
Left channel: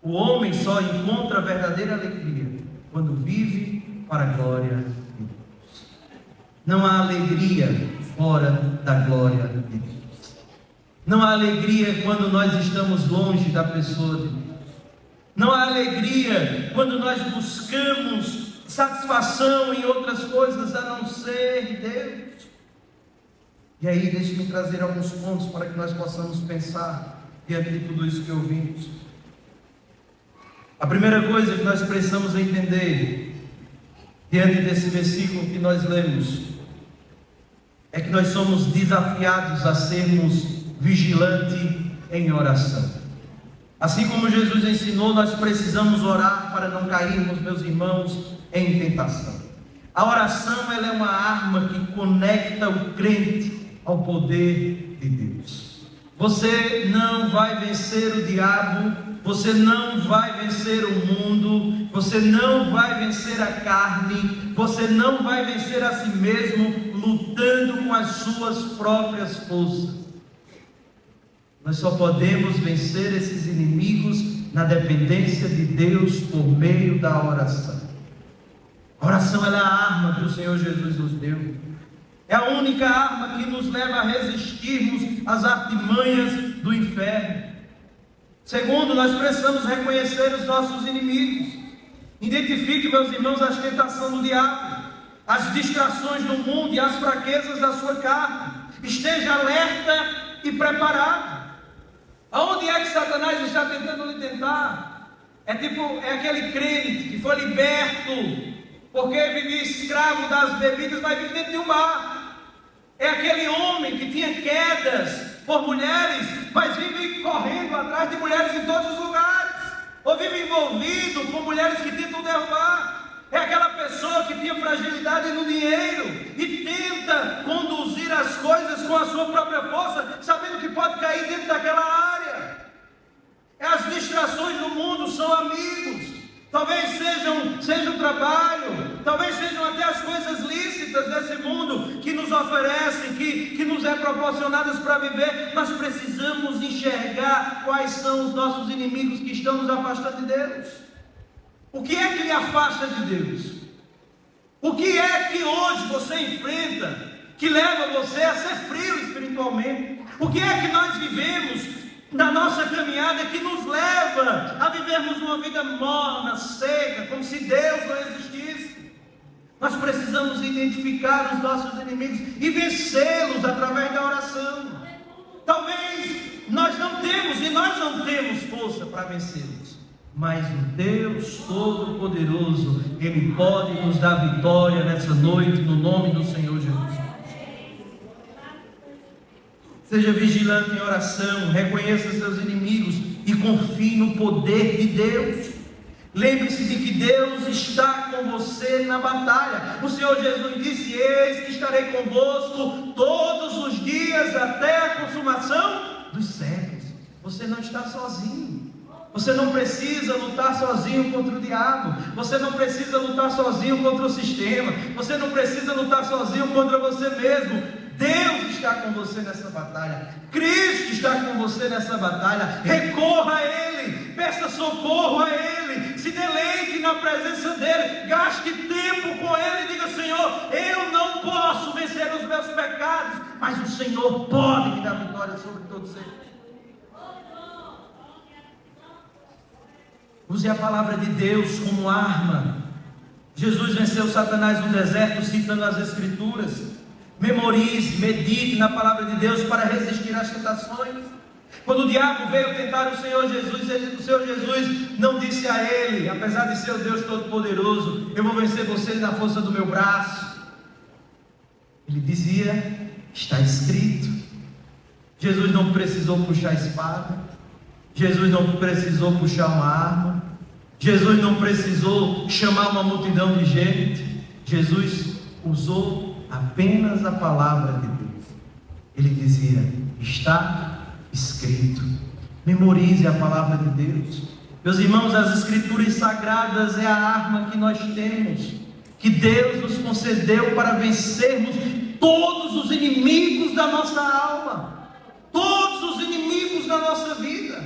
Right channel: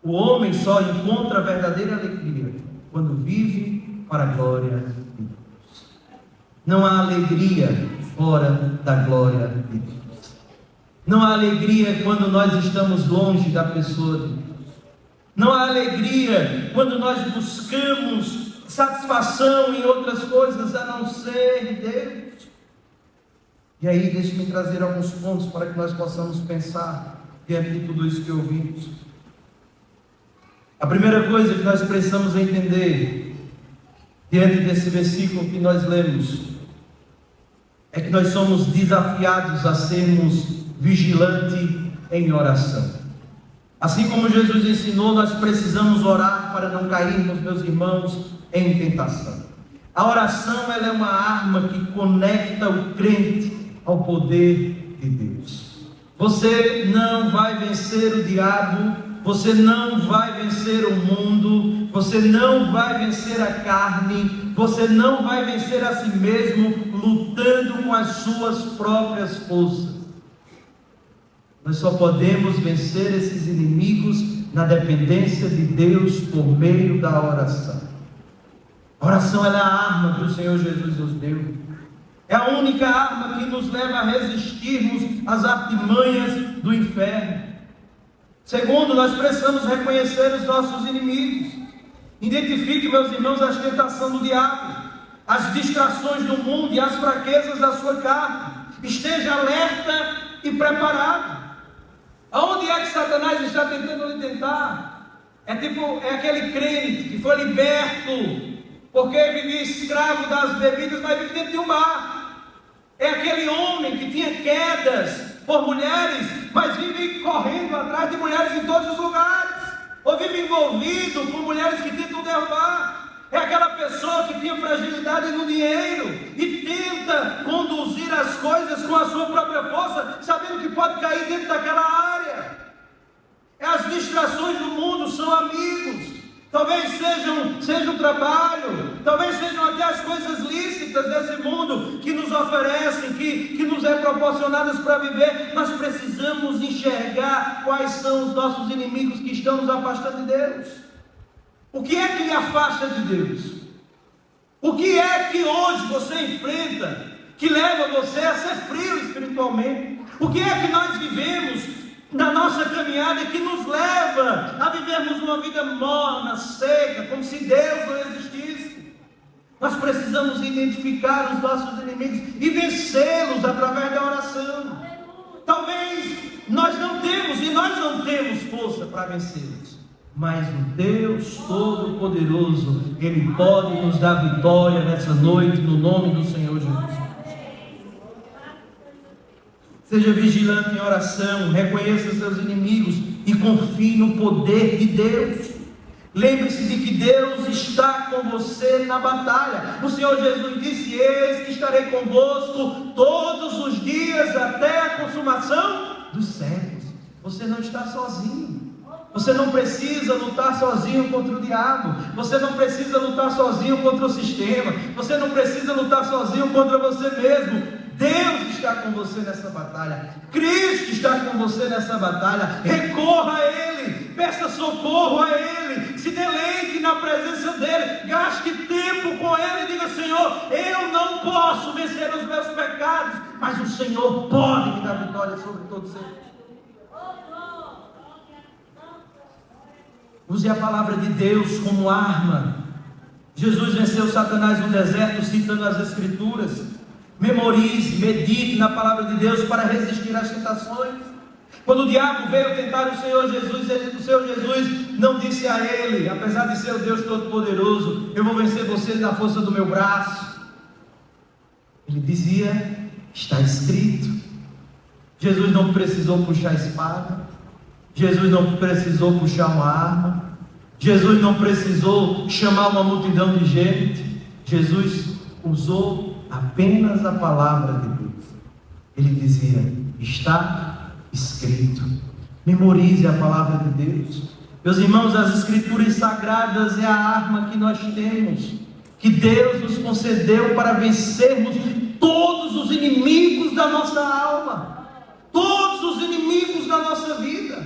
O homem só encontra a verdadeira alegria quando vive para a glória de Deus. Não há alegria fora da glória de Deus. Não há alegria quando nós estamos longe da pessoa de Deus. Não há alegria quando nós buscamos satisfação em outras coisas a não ser Deus. E aí, deixe-me trazer alguns pontos para que nós possamos pensar diante de tudo isso que ouvimos. A primeira coisa que nós precisamos entender diante desse versículo que nós lemos é que nós somos desafiados a sermos vigilantes em oração. Assim como Jesus ensinou, nós precisamos orar para não cairmos, meus irmãos, em tentação. A oração ela é uma arma que conecta o crente ao poder de Deus. Você não vai vencer o diabo, você não vai vencer o mundo, você não vai vencer a carne, você não vai vencer a si mesmo lutando com as suas próprias forças. Nós só podemos vencer esses inimigos na dependência de Deus por meio da oração. A oração é a arma que o Senhor Jesus nos deu. É a única arma que nos leva a resistirmos às artimanhas do inferno. Segundo, nós precisamos reconhecer os nossos inimigos. Identifique, meus irmãos, as tentações do diabo, as distrações do mundo e as fraquezas da sua carne. Esteja alerta e preparado. Aonde é que Satanás está tentando lhe tentar? É aquele crente que foi liberto porque vivia escravo das bebidas, mas vive dentro de um mar. É aquele homem que tinha quedas por mulheres, mas vive correndo atrás de mulheres em todos os lugares, ou vive envolvido com mulheres que tentam derrubar. É aquela pessoa que tinha fragilidade no dinheiro e tenta conduzir as coisas com a sua própria força, sabendo que pode cair dentro daquela área. As distrações do mundo são amigos. Talvez seja o trabalho, talvez sejam até as coisas lícitas desse mundo que nos oferecem, que nos é proporcionadas para viver. Nós precisamos enxergar quais são os nossos inimigos que estão nos afastando de Deus. O que é que lhe afasta de Deus? O que é que hoje você enfrenta que leva você a ser frio espiritualmente? O que é que nós vivemos na nossa caminhada que nos leva a vivermos uma vida morna, seca, como se Deus não existisse? Nós precisamos identificar os nossos inimigos e vencê-los através da oração. Talvez nós não temos força para vencê-los, mas o Deus Todo-Poderoso, Ele pode nos dar vitória nessa noite, no nome do Senhor Jesus. Seja vigilante em oração, reconheça seus inimigos e confie no poder de Deus. Lembre-se de que Deus está com você na batalha. O Senhor Jesus disse: eis que estarei convosco todos os dias até a consumação dos séculos. Você não está sozinho. Você não precisa lutar sozinho contra o diabo. Você não precisa lutar sozinho contra o sistema. Você não precisa lutar sozinho contra você mesmo. Deus está com você nessa batalha. Cristo está com você nessa batalha. Recorra a Ele. Peça socorro a Ele. Se deleite na presença dEle. Gaste tempo com Ele. Diga: Senhor, eu não posso vencer os meus pecados, mas o Senhor pode me dar vitória sobre todos eles. Use a palavra de Deus como arma. Jesus venceu Satanás no deserto citando as Escrituras. Memorize, medite na palavra de Deus para resistir às tentações. Quando o diabo veio tentar o Senhor Jesus não disse a ele, apesar de ser o Deus Todo-Poderoso: eu vou vencer você na força do meu braço. Ele dizia: está escrito. Jesus não precisou puxar a espada. Jesus não precisou puxar uma arma. Jesus não precisou chamar uma multidão de gente. Jesus usou apenas a palavra de Deus. Ele dizia: está escrito. Memorize a palavra de Deus. Meus irmãos, as Escrituras Sagradas é a arma que nós temos, que Deus nos concedeu para vencermos todos os inimigos da nossa alma, todos os inimigos da nossa vida.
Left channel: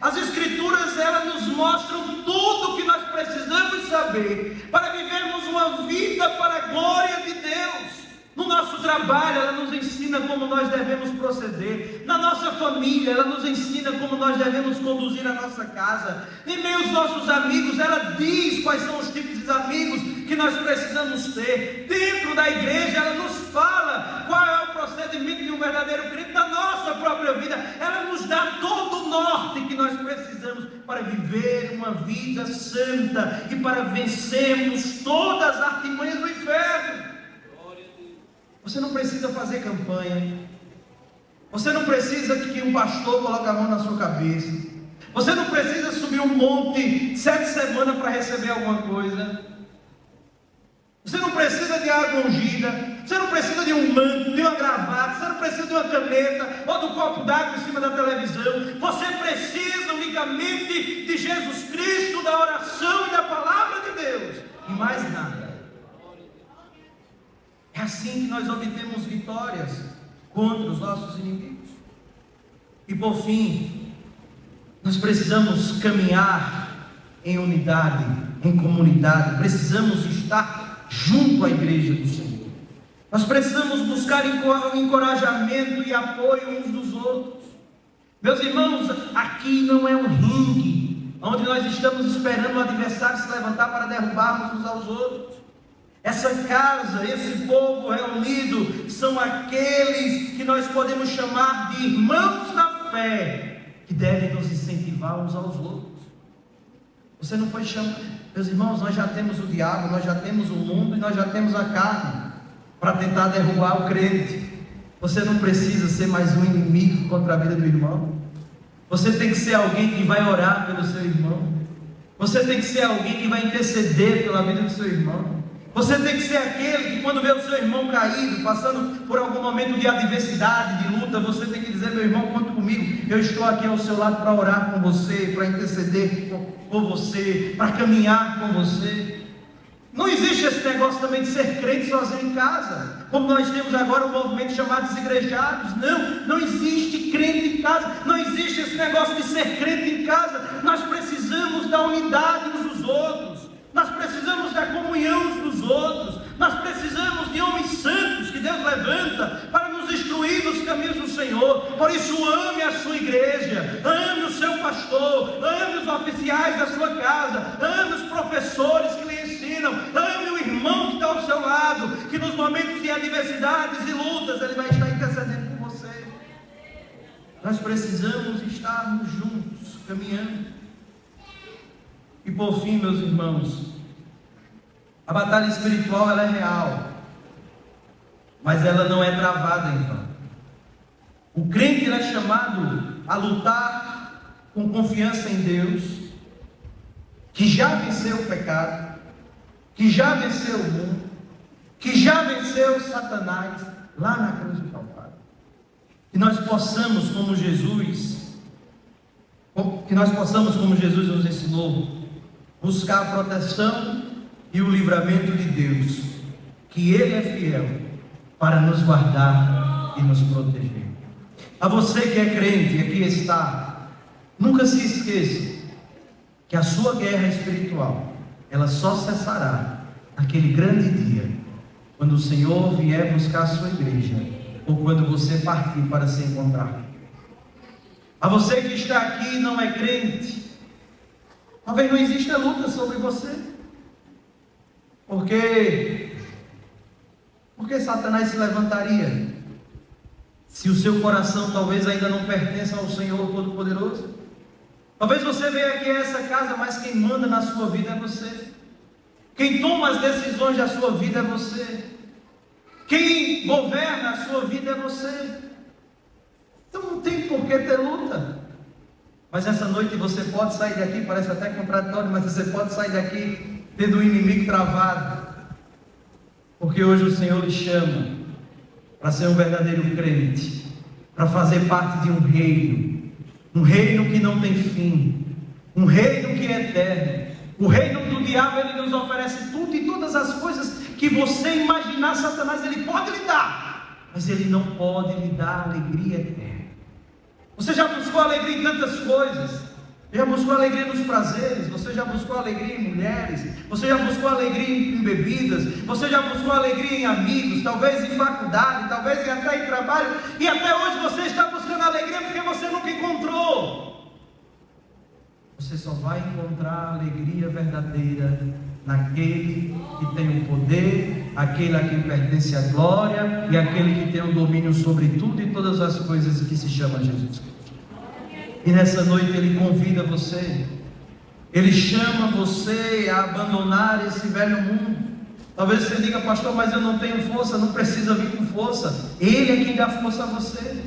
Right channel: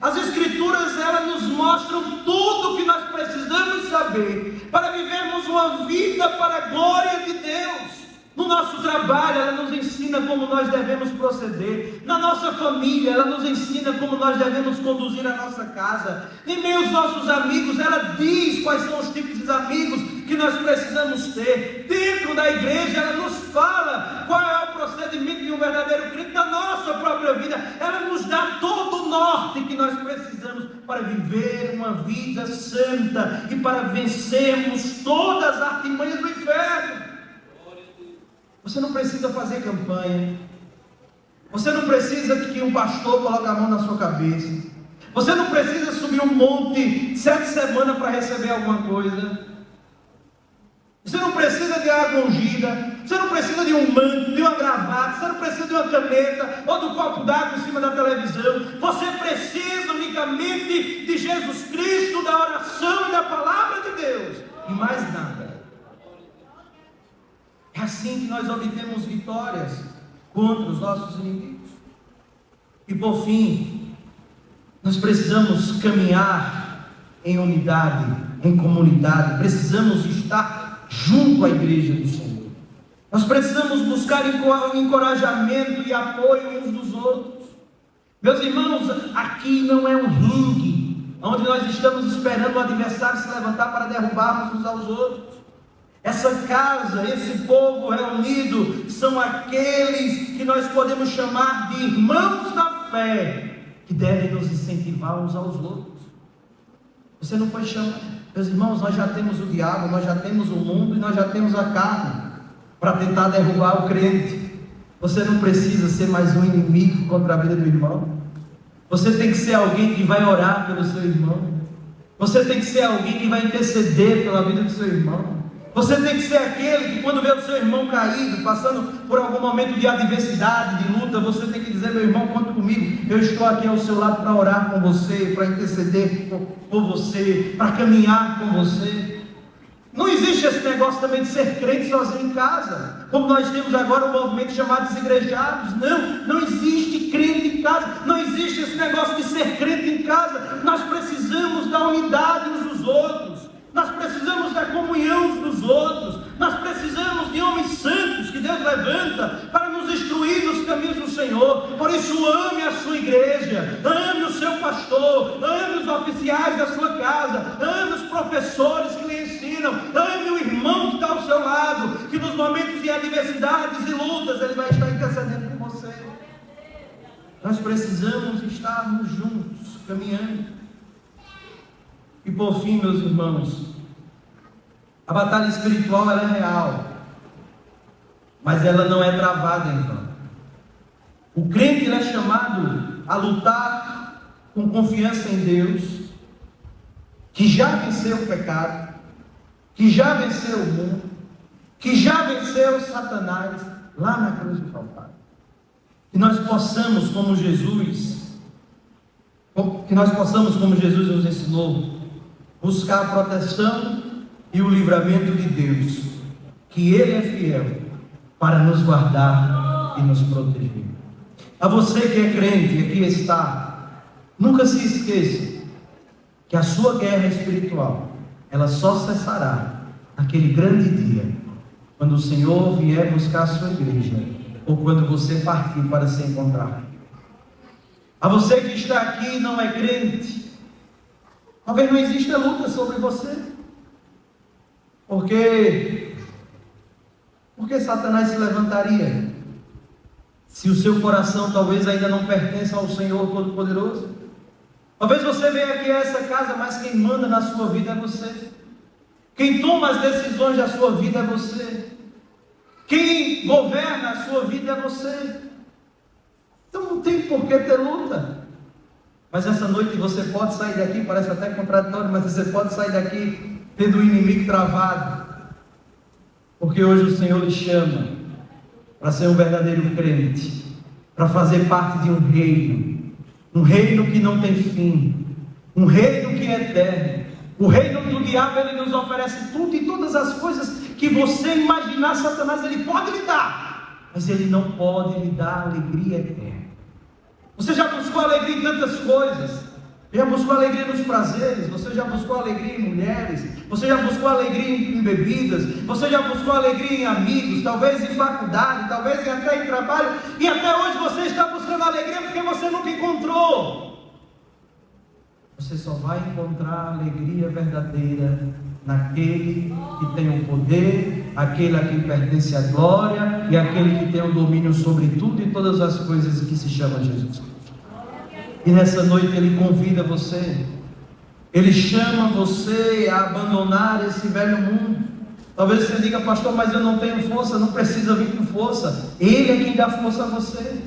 As Escrituras, elas nos mostram tudo o que nós precisamos saber para vivermos uma vida para a glória de Deus. No nosso trabalho, ela nos ensina como nós devemos proceder. Na nossa família, ela nos ensina como nós devemos conduzir a nossa casa. Em meio aos nossos amigos, ela diz quais são os tipos de amigos que nós precisamos ter. Dentro da igreja, ela nos fala qual é o procedimento de um verdadeiro crente. Na nossa própria vida, ela nos dá todo o norte que nós precisamos para viver uma vida santa e para vencermos todas as artimanhas do inferno. Você não precisa fazer campanha. Você não precisa que um pastor coloque a mão na sua cabeça. Você não precisa subir um monte 7 semanas para receber alguma coisa. Você não precisa de água ungida. Você não precisa de um manto, de uma gravata. Você não precisa de uma caneta ou de um copo d'água em cima da televisão. Você precisa unicamente de Jesus Cristo, da oração e da palavra de Deus, e mais nada. É assim que nós obtemos vitórias contra os nossos inimigos. E por fim, nós precisamos caminhar em unidade, em comunidade. Precisamos estar junto à igreja do Senhor. Nós precisamos buscar encorajamento e apoio uns dos outros. Meus irmãos, aqui não é um ringue onde nós estamos esperando o adversário se levantar para derrubarmos uns aos outros. Essa casa, esse povo reunido, são aqueles que nós podemos chamar de irmãos da fé, que devem nos incentivar uns aos outros. Você não foi chamado. Meus irmãos, nós já temos o diabo, nós já temos o mundo e nós já temos a carne para tentar derrubar o crente. Você não precisa ser mais um inimigo contra a vida do irmão. Você tem que ser alguém que vai orar pelo seu irmão. Você tem que ser alguém que vai interceder pela vida do seu irmão. Você tem que ser aquele que, quando vê o seu irmão caído, passando por algum momento de adversidade, de luta, você tem que dizer: meu irmão, conta comigo, eu estou aqui ao seu lado para orar com você, para interceder por você, para caminhar com você. Não existe esse negócio também de ser crente sozinho em casa, como nós temos agora um movimento chamado desigrejados. Não existe crente em casa, não existe esse negócio de ser crente em casa. Nós precisamos da unidade uns dos outros. Nós precisamos da comunhão uns dos outros. Nós precisamos de homens santos que Deus levanta para nos instruir nos caminhos do Senhor. Por isso, ame a sua igreja, ame o seu pastor, ame os oficiais da sua casa, ame os professores que lhe ensinam, ame o irmão que está ao seu lado, que nos momentos de adversidades e lutas ele vai estar intercedendo por você. Nós precisamos estarmos juntos, caminhando. E por fim, meus irmãos, a batalha espiritual ela é real, mas ela não é travada em vão. O crente é chamado a lutar com confiança em Deus, que já venceu o pecado, que já venceu o mundo, que já venceu Satanás lá na cruz do Calvário. Que nós possamos, como Jesus, que nós possamos, como Jesus nos ensinou, buscar a proteção e o livramento de Deus, que Ele é fiel para nos guardar e nos proteger. A você que é crente, aqui está, nunca se esqueça que a sua guerra espiritual, ela só cessará naquele grande dia, quando o Senhor vier buscar a sua igreja, ou quando você partir para se encontrar. A você que está aqui e não é crente, talvez não exista luta sobre você, porque Satanás se levantaria, se o seu coração talvez ainda não pertença ao Senhor Todo-Poderoso. Talvez você venha aqui a essa casa, mas quem manda na sua vida é você. Quem toma as decisões da sua vida é você. Quem governa a sua vida é você. Então não tem por que ter luta. Mas essa noite você pode sair daqui, parece até contraditório, mas você pode sair daqui tendo o inimigo travado. Porque hoje o Senhor lhe chama para ser um verdadeiro crente, para fazer parte de um reino que não tem fim, um reino que é eterno. O reino do diabo, ele nos oferece tudo e todas as coisas que você imaginar. Satanás, ele pode lhe dar, mas ele não pode lhe dar alegria eterna. Você já buscou alegria em tantas coisas, já buscou alegria nos prazeres, você já buscou alegria em mulheres, você já buscou alegria em bebidas, você já buscou alegria em amigos, talvez em faculdade, talvez até em trabalho, e até hoje você está buscando alegria porque você nunca encontrou. Você só vai encontrar a alegria verdadeira naquele que tem o poder, aquele a quem pertence a glória e aquele que tem o domínio sobre tudo e todas as coisas, que se chama Jesus. E nessa noite Ele convida você, Ele chama você a abandonar esse velho mundo. Talvez você diga: pastor, mas eu não tenho força. Não precisa vir com força, Ele é quem dá força a você.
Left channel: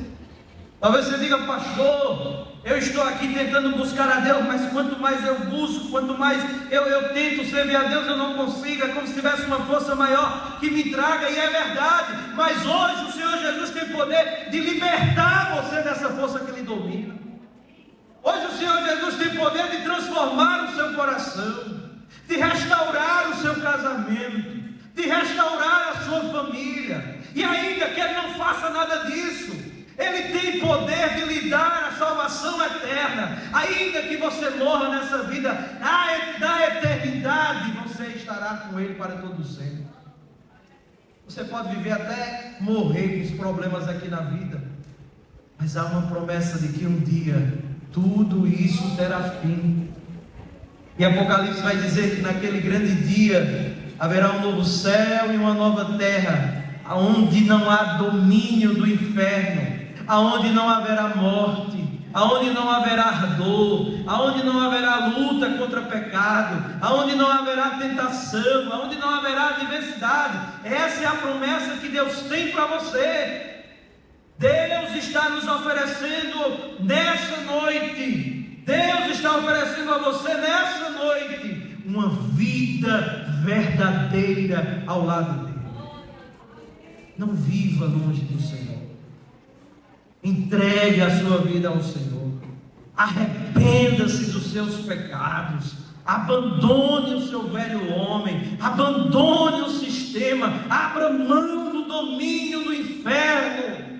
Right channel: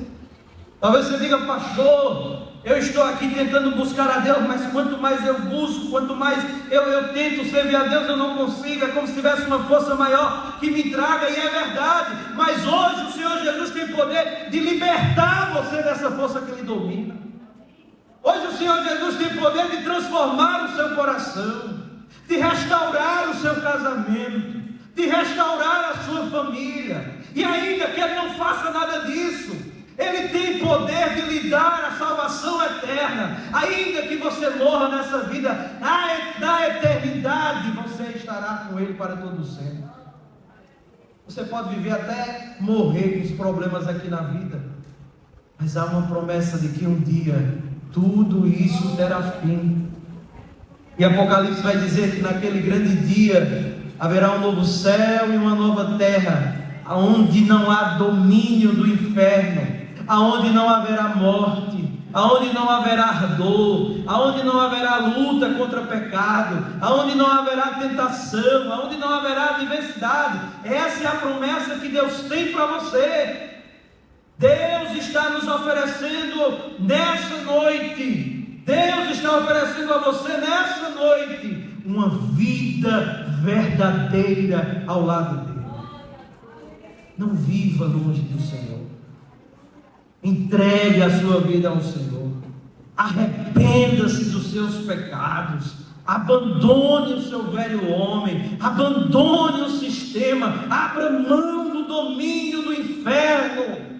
Talvez você diga: pastor, eu estou aqui tentando buscar a Deus, mas quanto mais eu busco, quanto mais eu tento servir a Deus, eu não consigo. É como se tivesse uma força maior que me traga, e é verdade. Mas hoje o Senhor Jesus tem poder de libertar você dessa força que lhe domina. Hoje o Senhor Jesus tem poder de transformar o seu coração, de restaurar o seu casamento, de restaurar a sua família. E ainda que Ele não faça nada disso, Ele tem poder de lhe dar a salvação eterna. Ainda que você morra nessa vida, na eternidade você estará com Ele para todo sempre. Você pode viver até morrer com os problemas aqui na vida, mas há uma promessa de que um dia tudo isso terá fim. E Apocalipse vai dizer que naquele grande dia haverá um novo céu e uma nova terra, onde não há domínio do inferno, aonde não haverá morte, aonde não haverá dor, aonde não haverá luta contra pecado, aonde não haverá tentação, aonde não haverá adversidade. Essa é a promessa que Deus tem para você. Deus está nos oferecendo nessa noite, Deus está oferecendo a você nessa noite uma vida verdadeira ao lado dele. Não viva longe do Senhor. Entregue a sua vida ao Senhor. Arrependa-se dos seus pecados. Abandone o seu velho homem. Abandone o sistema. Abra mão do domínio do inferno.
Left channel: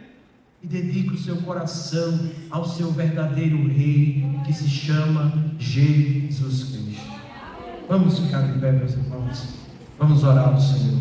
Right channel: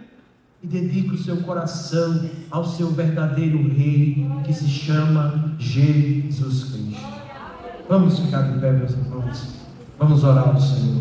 E dedique o seu coração ao seu verdadeiro Rei, que se chama Jesus Cristo. Vamos ficar de pé, meus irmãos. Vamos orar ao Senhor.